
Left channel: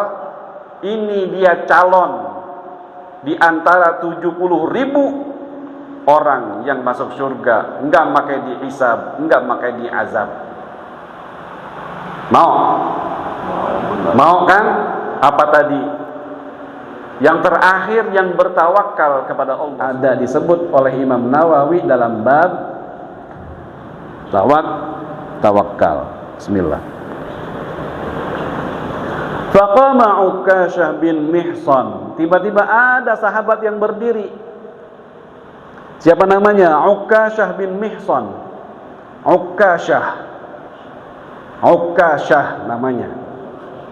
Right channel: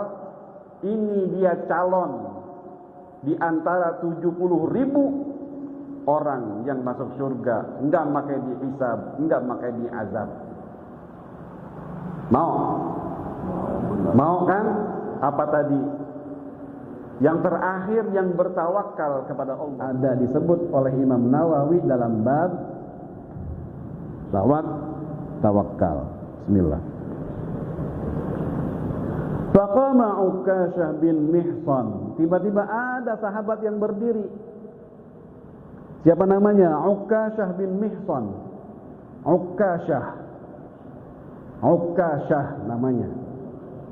ini dia calon di antara 70.000 orang yang masuk surga, nggak pakai di hisab, nggak pakai di azab. Mau kan? Apa tadi? Yang terakhir yang bertawakal kepada Allah, ada disebut oleh Imam Nawawi dalam bab tawakal. Bismillah. Faqama Ukasyah bin Mihsan. Tiba-tiba ada sahabat yang berdiri. Siapa namanya? Ukasyah bin Mihsan. Ukasyah namanya.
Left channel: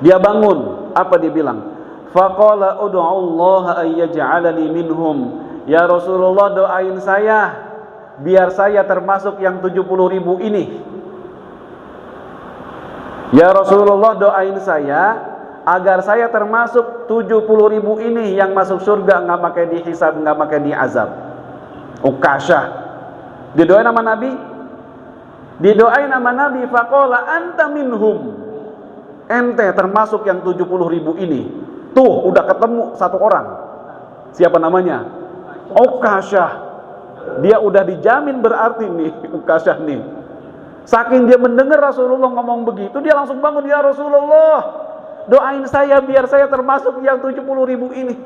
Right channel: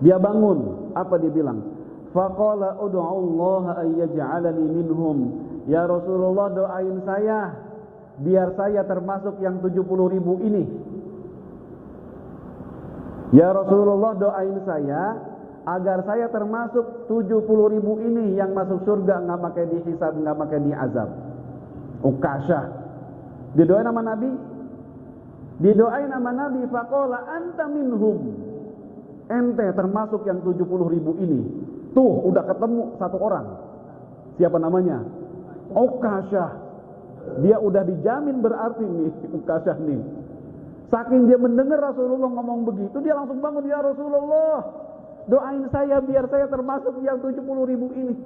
Dia bangun. Apa dia bilang? Faqala ud'u Allah ay yaj'alani minhum. Ya Rasulullah, doain saya biar saya termasuk yang 70.000 ini. Ya Rasulullah, doain saya agar saya termasuk 70.000 ini yang masuk surga, nggak pakai dihisab, nggak pakai diazab. Ukasyah didoain sama Nabi, faqala anta minhum, ente termasuk yang 70.000 ini. Tuh udah ketemu satu orang. Siapa namanya? Ukasyah. Dia udah dijamin berarti nih Ukasyah nih. Saking dia mendengar Rasulullah ngomong begitu, dia langsung bangun, ya Rasulullah, doain saya biar saya termasuk yang 70.000 ini.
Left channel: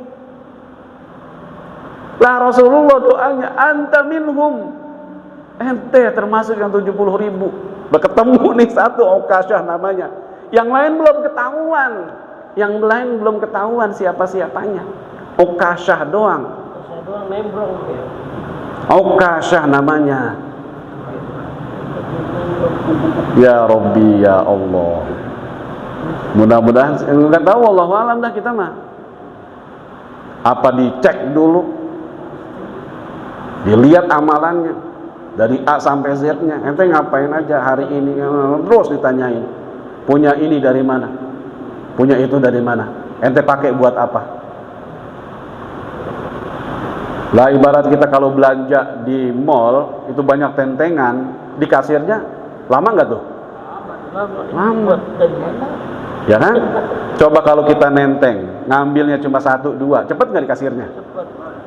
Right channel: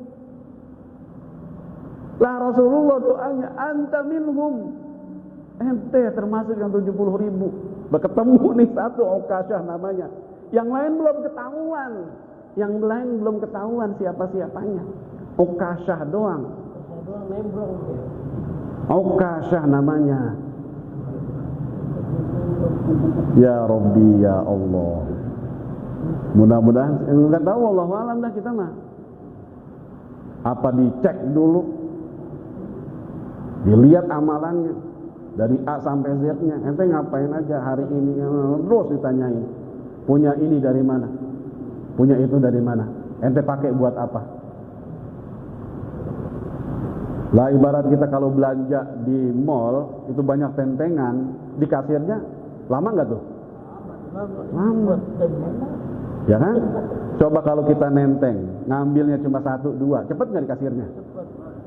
Lah Rasulullah doanya anta minhum, ente termasuk yang 70.000. Berketemu nih satu Ukasyah namanya. Yang lain belum ketahuan siapa-siapanya. Ukasyah doang. Ukasyah namanya. Ya Rabbi, ya Allah. Mudah-mudahan enggak tahu, wallahu alam dah kita mah. Apa dicek dulu? Dilihat amalannya dari A sampai Z-nya. Ente ngapain aja hari ini? Terus ditanyain. Punya ini dari mana? Punya itu dari mana? Ente pakai buat apa? Lah ibarat kita kalau belanja di mall itu banyak tentengan, di kasirnya lama nggak tuh? Lama. Ya kan? Coba kalau kita nenteng, ngambilnya cuma 1, 2, cepet nggak di kasirnya?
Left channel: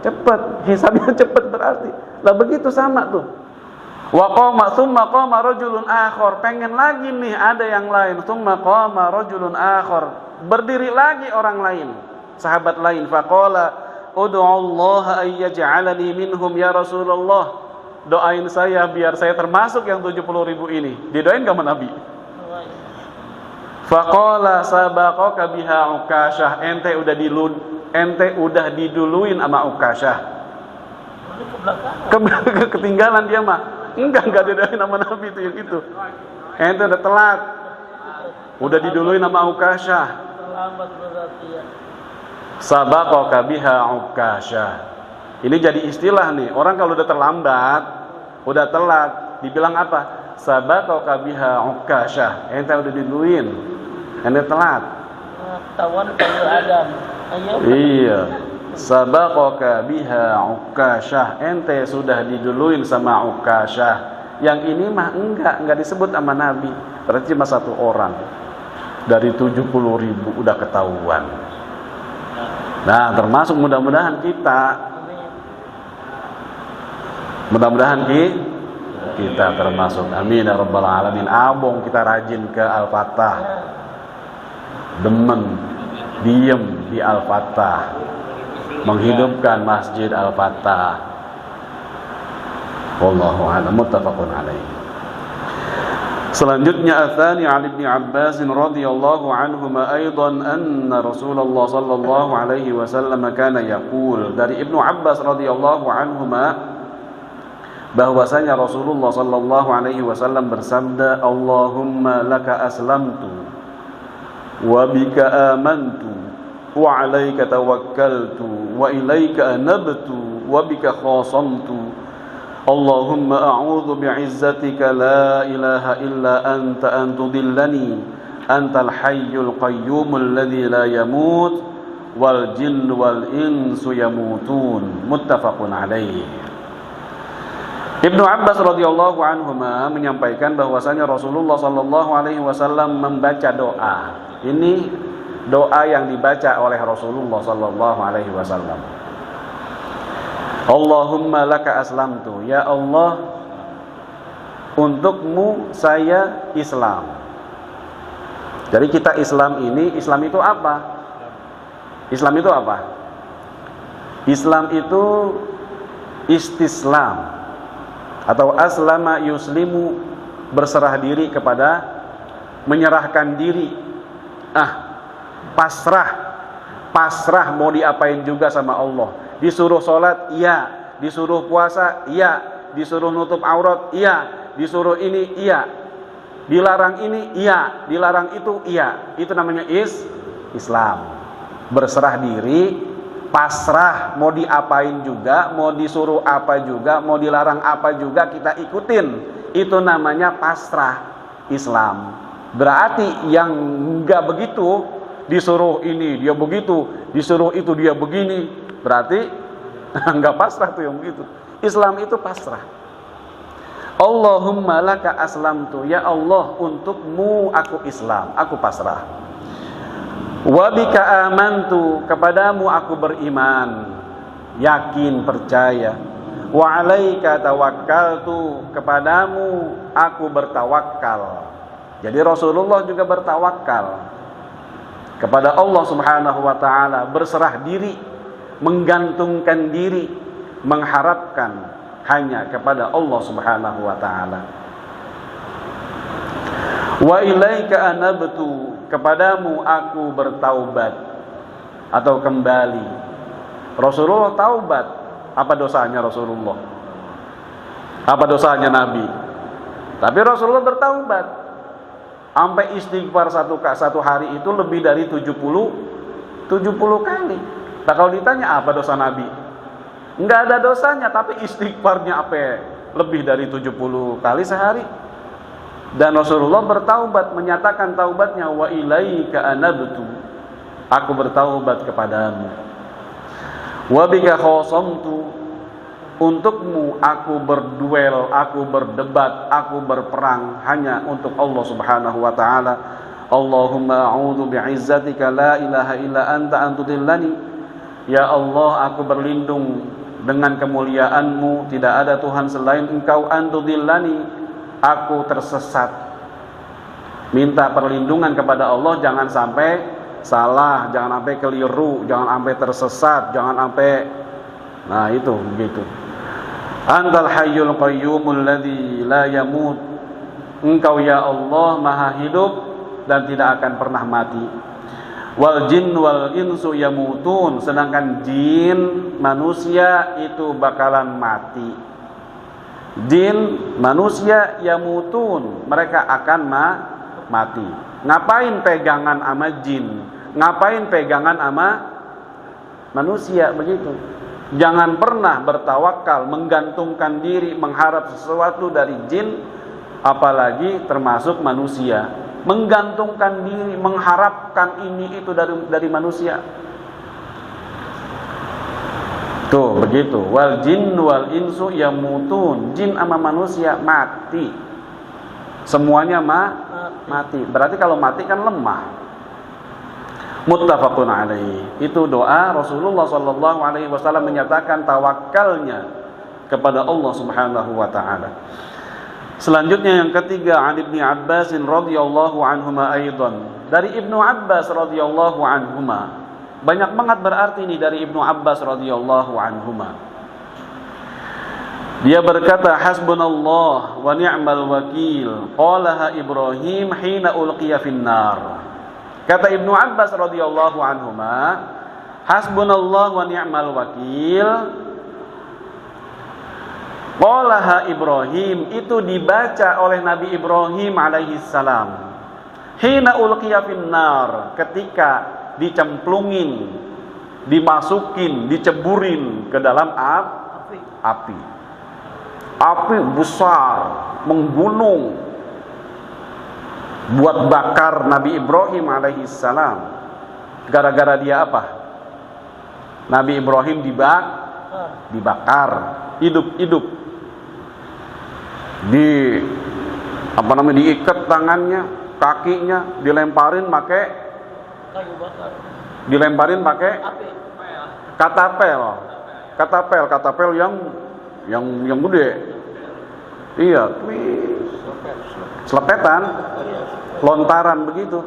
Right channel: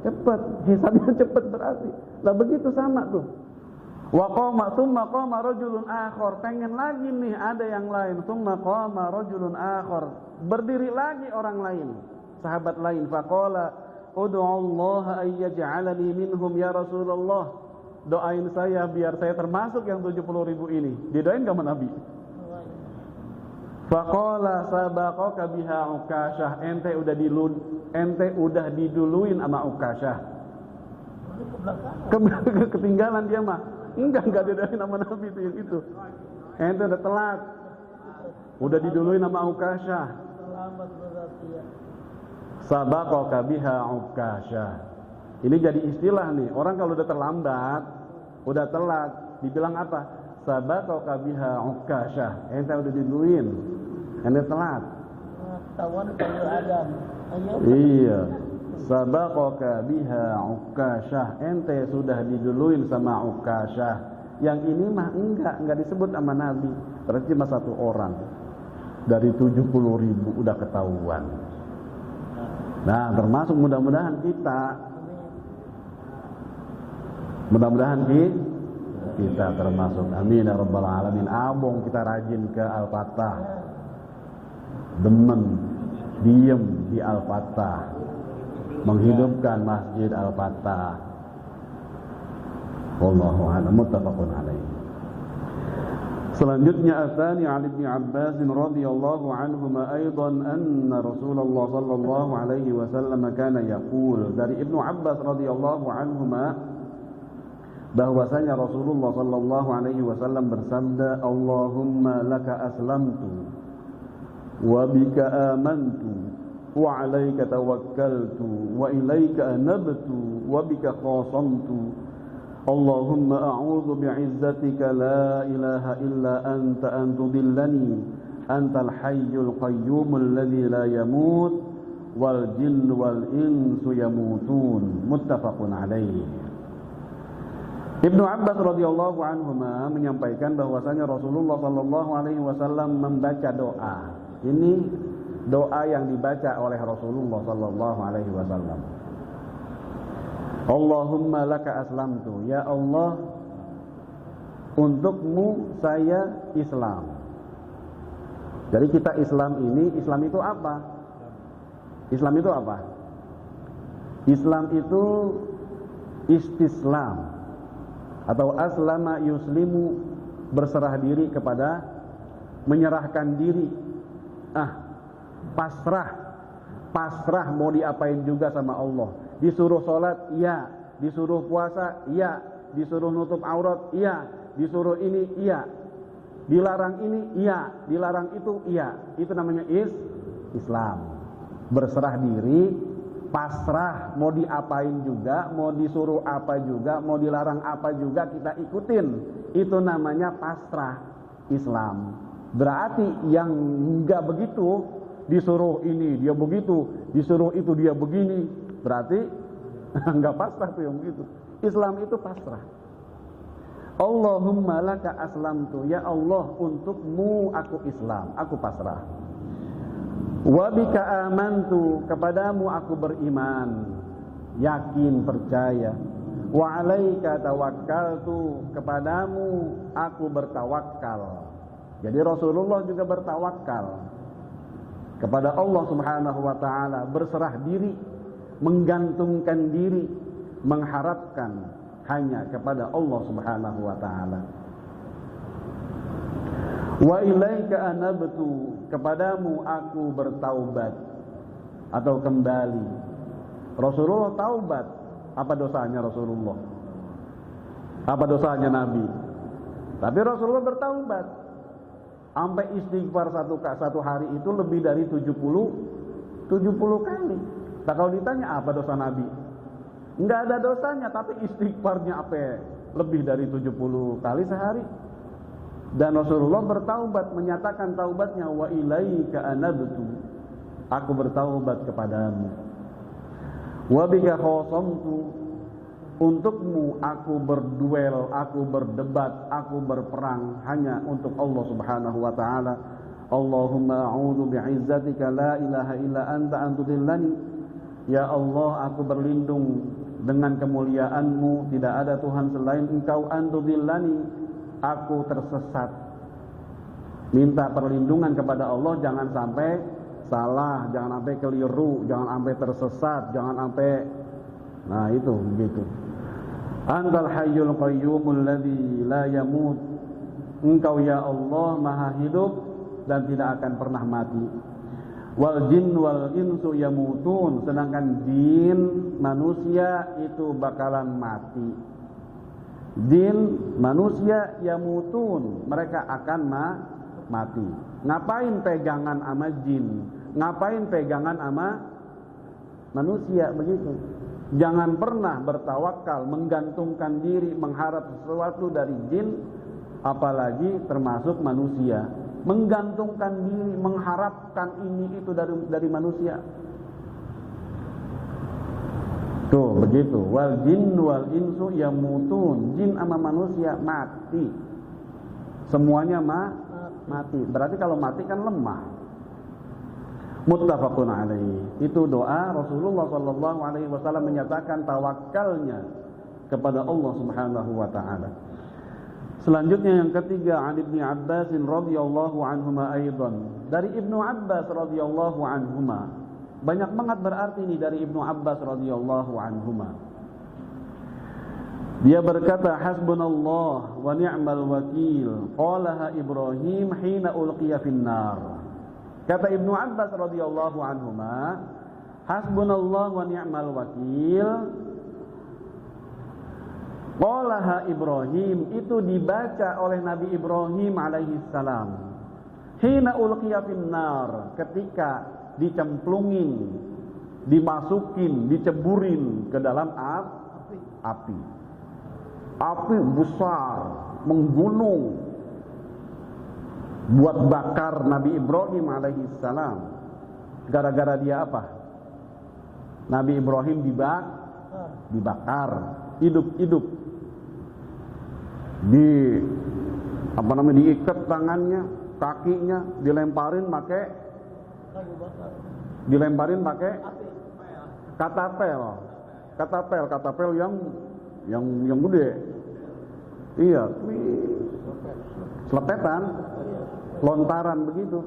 Cepet, hisabnya cepet berarti. Lah begitu sama tuh. Wa qama tsumma qama rajulun akhar, pengen lagi nih ada yang lain. Tsumma qama rajulun akhar, berdiri lagi orang lain, sahabat lain. Faqala ud'u Allah ay yaj'alani minhum ya Rasulullah, doain saya biar saya termasuk yang 70.000 ini. Didoain gak sama Nabi? Faqala sabaqaka biha Ukasyah, ente udah diduluin sama Ukasyah. Ketinggalan dia mah. Enggak didoain sama Nabi itu yang itu. Ente udah telat. Udah diduluin sama Ukasyah. Terlambat berarti ya. Sabaqaka biha Ukasyah. Ini jadi istilah nih. Orang kalau udah terlambat, udah telat, dibilang apa? Sabaqaka biha Ukasyah. Ente udah diduluin. Ente telat. Tawan pada Adam. Iya. Sabaqaka biha Ukasyah. Ente sudah diduluin sama Ukasyah. Yang ini mah enggak disebut sama Nabi. Berarti cuma satu orang. Dari 70.000 udah ketahuan. Nah, termasuk mudah-mudahan kita termasuk. Amin ya rabbal alamin. Abong kita rajin ke Al-Fatah. Demen diem di Al-Fatah. Menghidupkan Masjid Al-Fatah. Wallahu a'lam, muttafaqun alaih. Selanjutnya atsani an Ibnu Abbas radhiyallahu anhuma aidan anna Rasulullah sallallahu alaihi wasallam kana yaqul, dari Ibnu Abbas radhiyallahu anhuma bahwasanya Rasulullah sallallahu alaihi wasallam bersabda, Allahumma laka aslamtu wa bika amantu wa 'alaika tawakkaltu wa ilaika anabtu wa bika khasamtu. Allahumma a'udzu bi'izzatika la ilaha illa anta an tudillani antal hayyul qayyumul ladzi la yamut wal jinnu wal insu yamutun. Muttafaqun alaih. Ibnu Abbas radhiyallahu anhuma menyampaikan bahwasanya Rasulullah sallallahu alaihi wasallam membaca doa. Ini doa yang dibaca oleh Rasulullah sallallahu alaihi wasallam. Allahumma laka aslamtu, ya Allah, untukmu saya Islam. Jadi kita Islam ini, Islam itu apa? Islam itu apa? Islam itu istislam atau aslama yuslimu, berserah diri kepada, menyerahkan diri, pasrah mau diapain juga sama Allah. Disuruh sholat, iya. Disuruh puasa, iya. Disuruh nutup aurat, iya. Disuruh ini, iya. Dilarang ini, iya. Dilarang itu, iya. Itu namanya Islam. Berserah diri, pasrah, mau diapain juga, mau disuruh apa juga, mau dilarang apa juga kita ikutin. Itu namanya pasrah Islam. Berarti yang enggak begitu, disuruh ini dia begitu, disuruh itu dia begini, berarti enggak pasrah tuh yang begitu. Islam itu pasrah. Allahumma laka aslamtu, ya Allah untukmu aku Islam, aku pasrah. Wa bika amantu, kepadamu aku beriman, yakin, percaya. Wa alaika tawakkaltu, kepadamu aku bertawakal. Jadi Rasulullah juga bertawakal kepada Allah Subhanahu wa taala, berserah diri, menggantungkan diri, mengharapkan hanya kepada Allah Subhanahu wa taala. Wa ilaika anabtu, kepadamu aku bertaubat atau kembali. Rasulullah taubat. Apa dosanya Rasulullah? Apa dosanya Nabi? Tapi Rasulullah bertaubat. Sampai istighfar satu hari itu lebih dari 70 kali. Nah, kalau ditanya apa dosa Nabi? Enggak ada dosanya, tapi istighfarnya apa? Lebih dari 70 kali sehari. Dan Rasulullah bertaubat, menyatakan taubatnya, wa ilaika anabtu, aku bertaubat kepadamu. Wa bika khasamtu, untukmu aku berduel, aku berdebat, aku berperang hanya untuk Allah Subhanahu wa taala. Allahumma a'udzu bi'izzatika la ilaha illa anta antudillani. Ya Allah, aku berlindung dengan kemuliaan-Mu, tidak ada Tuhan selain Engkau, antudillani, aku tersesat. Minta perlindungan kepada Allah, jangan sampai salah, jangan sampai keliru, jangan sampai tersesat, jangan sampai, nah itu begitu. Antal hayyul qayyumul ladzi la yamut, Engkau ya Allah maha hidup dan tidak akan pernah mati. Wal jin wal insu yamutun, sedangkan jin manusia itu bakalan mati. Jin manusia yamutun, mereka akan mati. Ngapain pegangan sama jin? Ngapain pegangan sama manusia begitu? Jangan pernah bertawakal, menggantungkan diri, mengharap sesuatu dari jin, apalagi termasuk manusia. Menggantungkan diri, mengharapkan ini itu dari manusia. Tuh begitu. Wal jin wal insu yamutun, jin sama manusia mati. Semuanya mati. Berarti kalau mati kan lemah. Muttafaqun alaihi. Itu doa Rasulullah sallallahu alaihi wasallam menyatakan tawakalnya kepada Allah Subhanahu wa taala. Selanjutnya yang ketiga, an Ibnu Abbas radhiyallahu anhuma aidan. Dari Ibnu Abbas radhiyallahu anhuma. Banyak banget berarti ini dari Ibnu Abbas radhiyallahu anhuma. Dia berkata, hasbunallah wa ni'mal wakil, qalaha Ibrahim hina ulqiya finnar. Kata Ibnu Abbas radhiyallahu anhuma, hasbunallah wa ni'mal wakil, qalaha Ibrahim, itu dibaca oleh Nabi Ibrahim alaihi salam. Hina ulqiya finnar, ketika dicemplungin, dimasukin, diceburin ke dalam api. Api besar, menggunung, buat bakar Nabi Ibrahim alaihi salam. Gara-gara dia apa? Nabi Ibrahim dibakar, hidup-hidup. Diikat tangannya, kakinya, dilemparin pakai katapel yang gede. Iya, selepetan, lontaran begitu.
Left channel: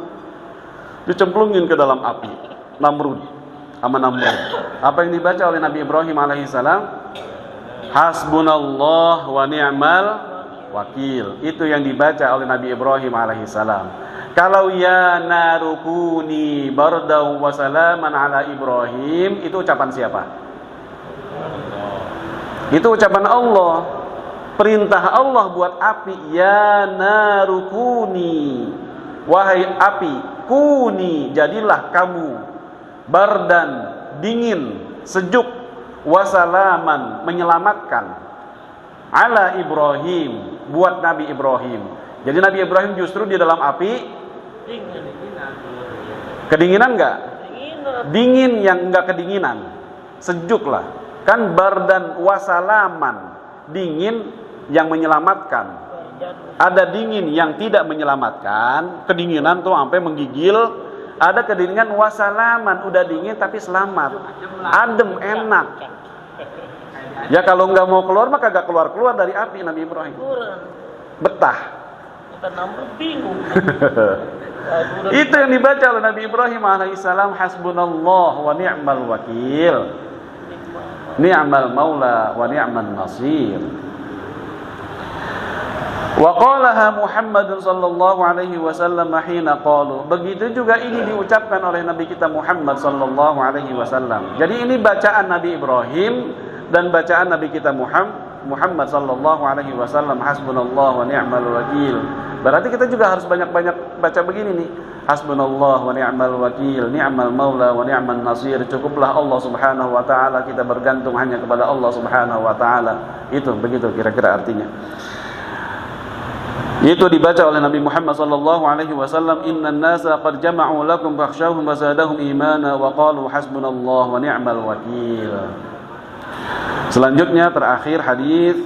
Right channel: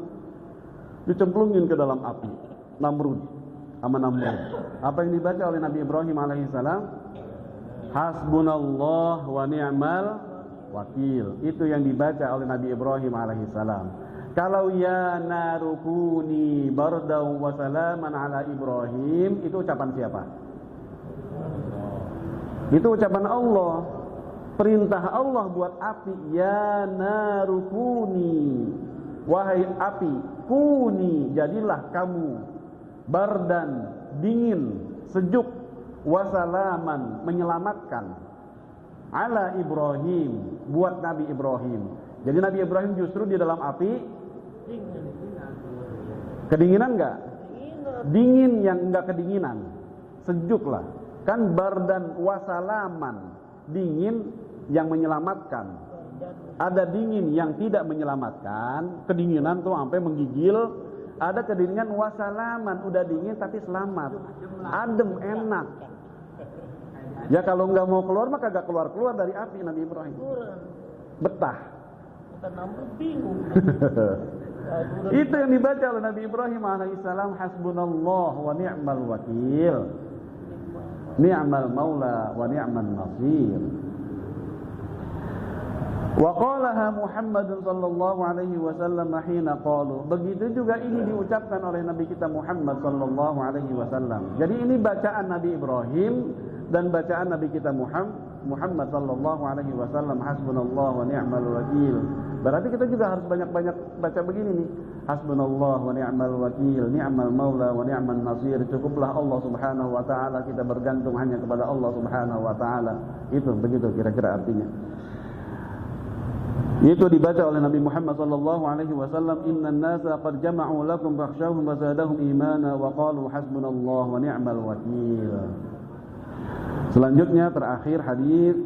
Dicemplungin ke dalam api. Namrud. Apa yang dibaca oleh Nabi Ibrahim alaihissalam? Hasbunallah wa ni'mal wakil. Itu yang dibaca oleh Nabi Ibrahim alaihissalam. Kalau ya narukuni bardaw wa salaman ala Ibrahim, itu ucapan siapa? Itu ucapan Allah. Perintah Allah buat api, ya narukuni, wahai api, kuni, jadilah kamu, bardan, dingin, sejuk, wasalaman, menyelamatkan, ala Ibrahim, buat Nabi Ibrahim. Jadi Nabi Ibrahim justru di dalam api Kedinginan enggak? Dingin yang enggak kedinginan. Sejuk lah. Kan bardan wasalaman. Dingin yang menyelamatkan. Ada dingin yang tidak menyelamatkan, kedinginan tuh sampai menggigil. Ada kedinginan wasalaman, udah dingin tapi selamat, adem, enak. Ya kalau nggak mau keluar maka gak keluar dari api Nabi Ibrahim. Betah. Itu yang dibaca oleh Nabi Ibrahim alaihissalam, hasbunallah wa ni'mal wakil, ni'mal maula wa ni'man nasir. Wa qalaha Muhammadun sallallahu alaihi wasallam hina qalu. Begitu juga ini diucapkan oleh Nabi kita Muhammad sallallahu alaihi wasallam. Jadi ini bacaan Nabi Ibrahim dan bacaan Nabi kita Muhammad sallallahu alaihi wasallam, hasbunallah wa ni'mal wakil. Berarti kita juga harus banyak-banyak baca begini nih. Hasbunallah wa ni'mal wakil, ni'mal maula wa ni'man nasir. Cukuplah Allah Subhanahu wa taala, kita bergantung hanya kepada Allah Subhanahu wa taala. Itu begitu kira-kira artinya. Itu dibaca oleh Nabi Muhammad sallallahu alaihi wasallam, innan nasa qad jama'u lakum fakhshawhum wa zadahum imana wa qalu hasbunallah wa ni'mal wakil. Selanjutnya terakhir hadis,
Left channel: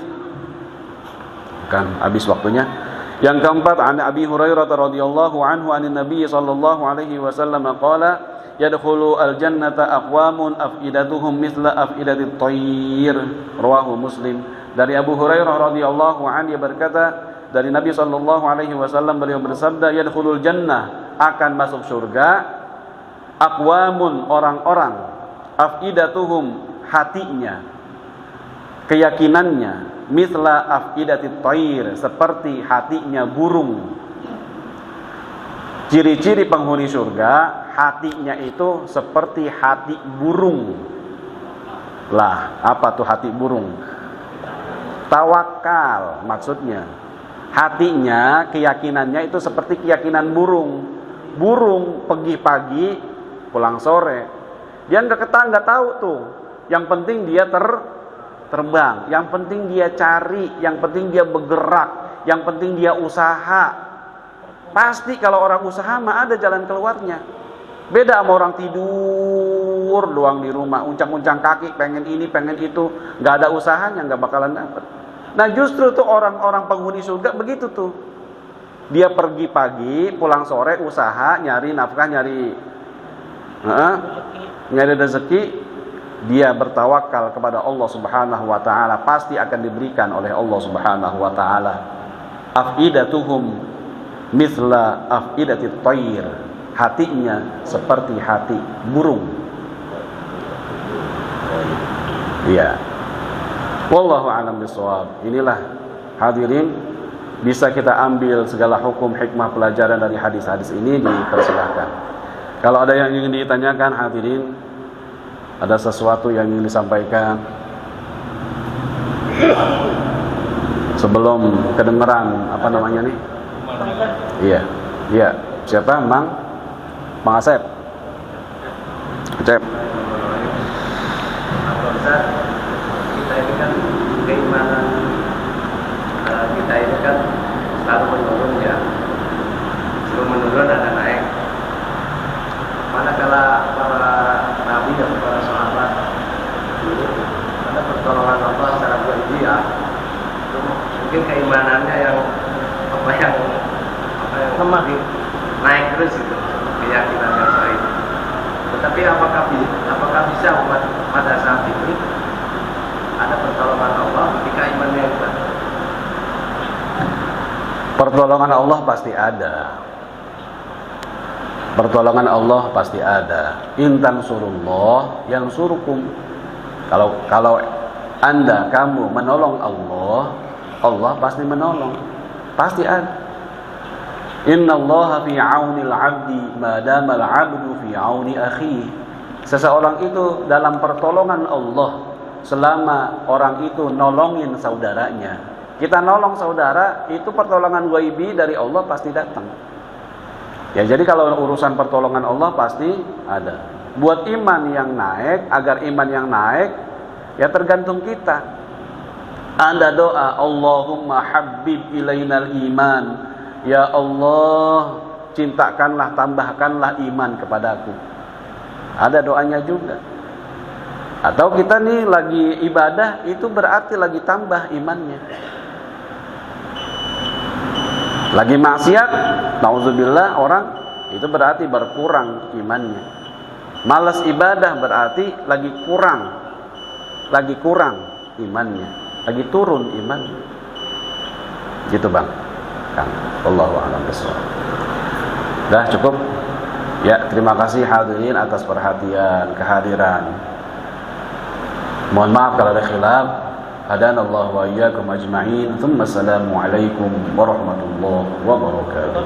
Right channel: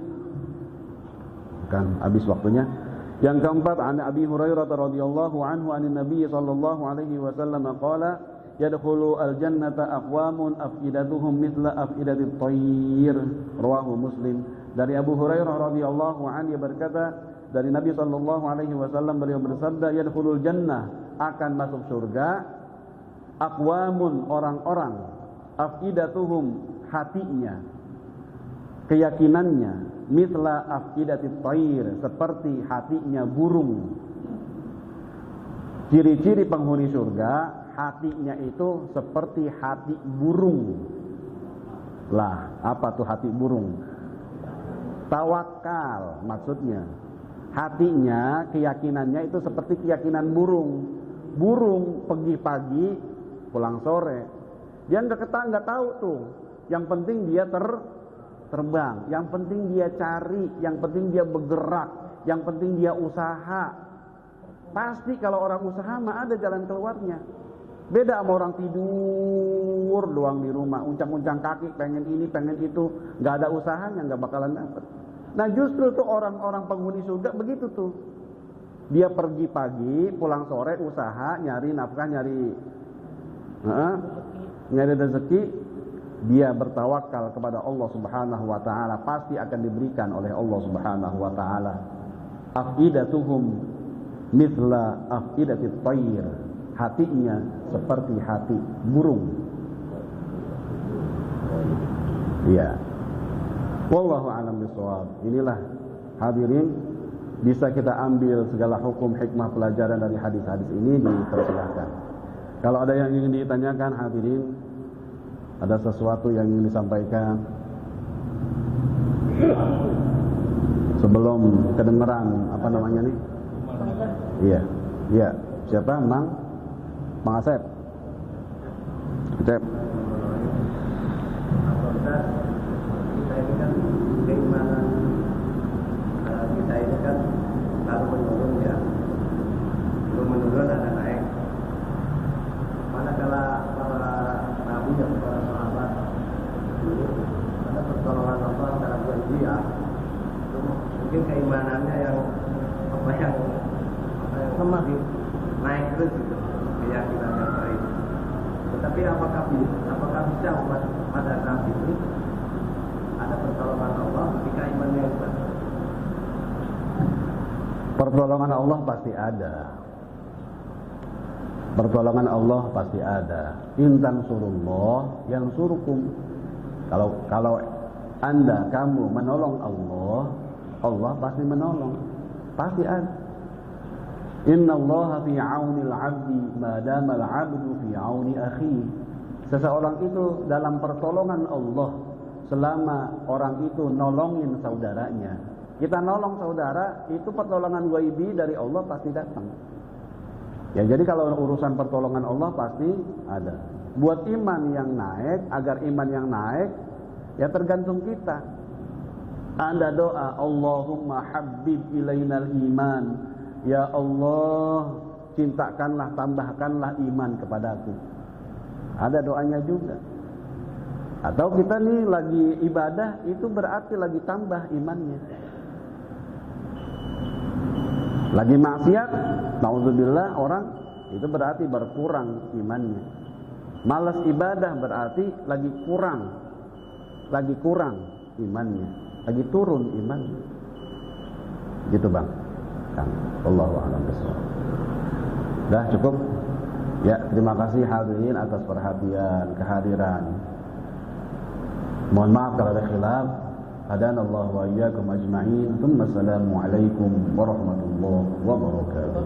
kan habis waktunya. Yang keempat, an Abi Hurairah radhiyallahu anhu anin Nabi sallallahu alaihi wasallam qala yadkhulu al-jannata aqwamun afidatuhum mithla afidatit tayr. Rawahu Muslim. Dari Abu Hurairah radhiyallahu anhu, dia berkata, dari Nabi sallallahu alaihi wasallam, beliau bersabda, yadkhulul jannah, akan masuk surga, aqwamun, orang-orang, afidatuhum, hatinya, keyakinannya, mithla afidatit tayr, seperti hatinya burung. Ciri-ciri penghuni surga, hatinya itu seperti hati burung. Lah, apa tuh hati burung? Tawakal maksudnya. Hatinya, keyakinannya itu seperti keyakinan burung. Burung pergi pagi, pulang sore. Dia nggak tahu tuh. Yang penting dia terbang. Yang penting dia cari. Yang penting dia bergerak. Yang penting dia usaha. Pasti kalau orang usaha mah ada jalan keluarnya. Beda sama orang tidur doang di rumah, uncang-uncang kaki, pengen ini, pengen itu, nggak ada usahanya, nggak bakalan dapet. Nah justru tuh orang-orang penghuni surga begitu tuh. Dia pergi pagi, pulang sore, usaha, nyari nafkah, nyari rezeki. Dia bertawakal kepada Allah Subhanahu wa taala, pasti akan diberikan oleh Allah Subhanahu wa taala. Afidatuhum mithla afidatit tayr. Hatinya seperti hati burung. Iya. Wallahu a'lam bishawab. Inilah hadirin, bisa kita ambil segala hukum hikmah pelajaran dari hadis-hadis ini, dipersilahkan. Kalau ada yang ingin ditanyakan hadirin, ada sesuatu yang ingin disampaikan sebelum kedengeran apa namanya nih? Iya. Siapa? Mang Asep. Cep. Kita ini kan keimanan kita ini kan selalu menurun ya, selalu menurun ada naik. Manakala para nabi dan para sahabat dulu ada pertolongan Allah secara berjiwa, itu mungkin keimanannya yang lemah, naik terus itu keyakinannya saya. Tetapi apakah bisa umat pada saat ini ada pertolongan Allah ketika imannya kuat? Pertolongan Allah pasti ada. Pertolongan Allah pasti ada. Intan surullah yang surukum. Kalau kamu menolong Allah, Allah pasti menolong. Pasti ada. Innallaha fi 'aunil 'abdi ma damal 'abdu fi 'auni akhihi. Seseorang itu dalam pertolongan Allah selama orang itu nolongin saudaranya. Kita nolong saudara, itu pertolongan ghaibi dari Allah pasti datang. Ya, jadi kalau urusan pertolongan Allah pasti ada. Buat iman yang naik, agar iman yang naik, ya tergantung kita. Anda doa, Allahumma habbib ilainal iman. Ya Allah, cintakanlah, tambahkanlah iman kepadaku. Ada doanya juga. Atau kita nih lagi ibadah, itu berarti lagi tambah imannya. Lagi maksiat, nauzubillah orang, itu berarti berkurang imannya. Malas ibadah berarti lagi kurang imannya, lagi turun imannya. Gitu Bang. Kang, wallahu a'lam bishawab. Dah cukup. Ya, terima kasih hadirin atas perhatian, kehadiran. Mohon maaf kalau ada khilaf. Hadanallahu wa iyyakum ajma'in. Tsumma assalamu alaikum warahmatullahi wabarakatuh.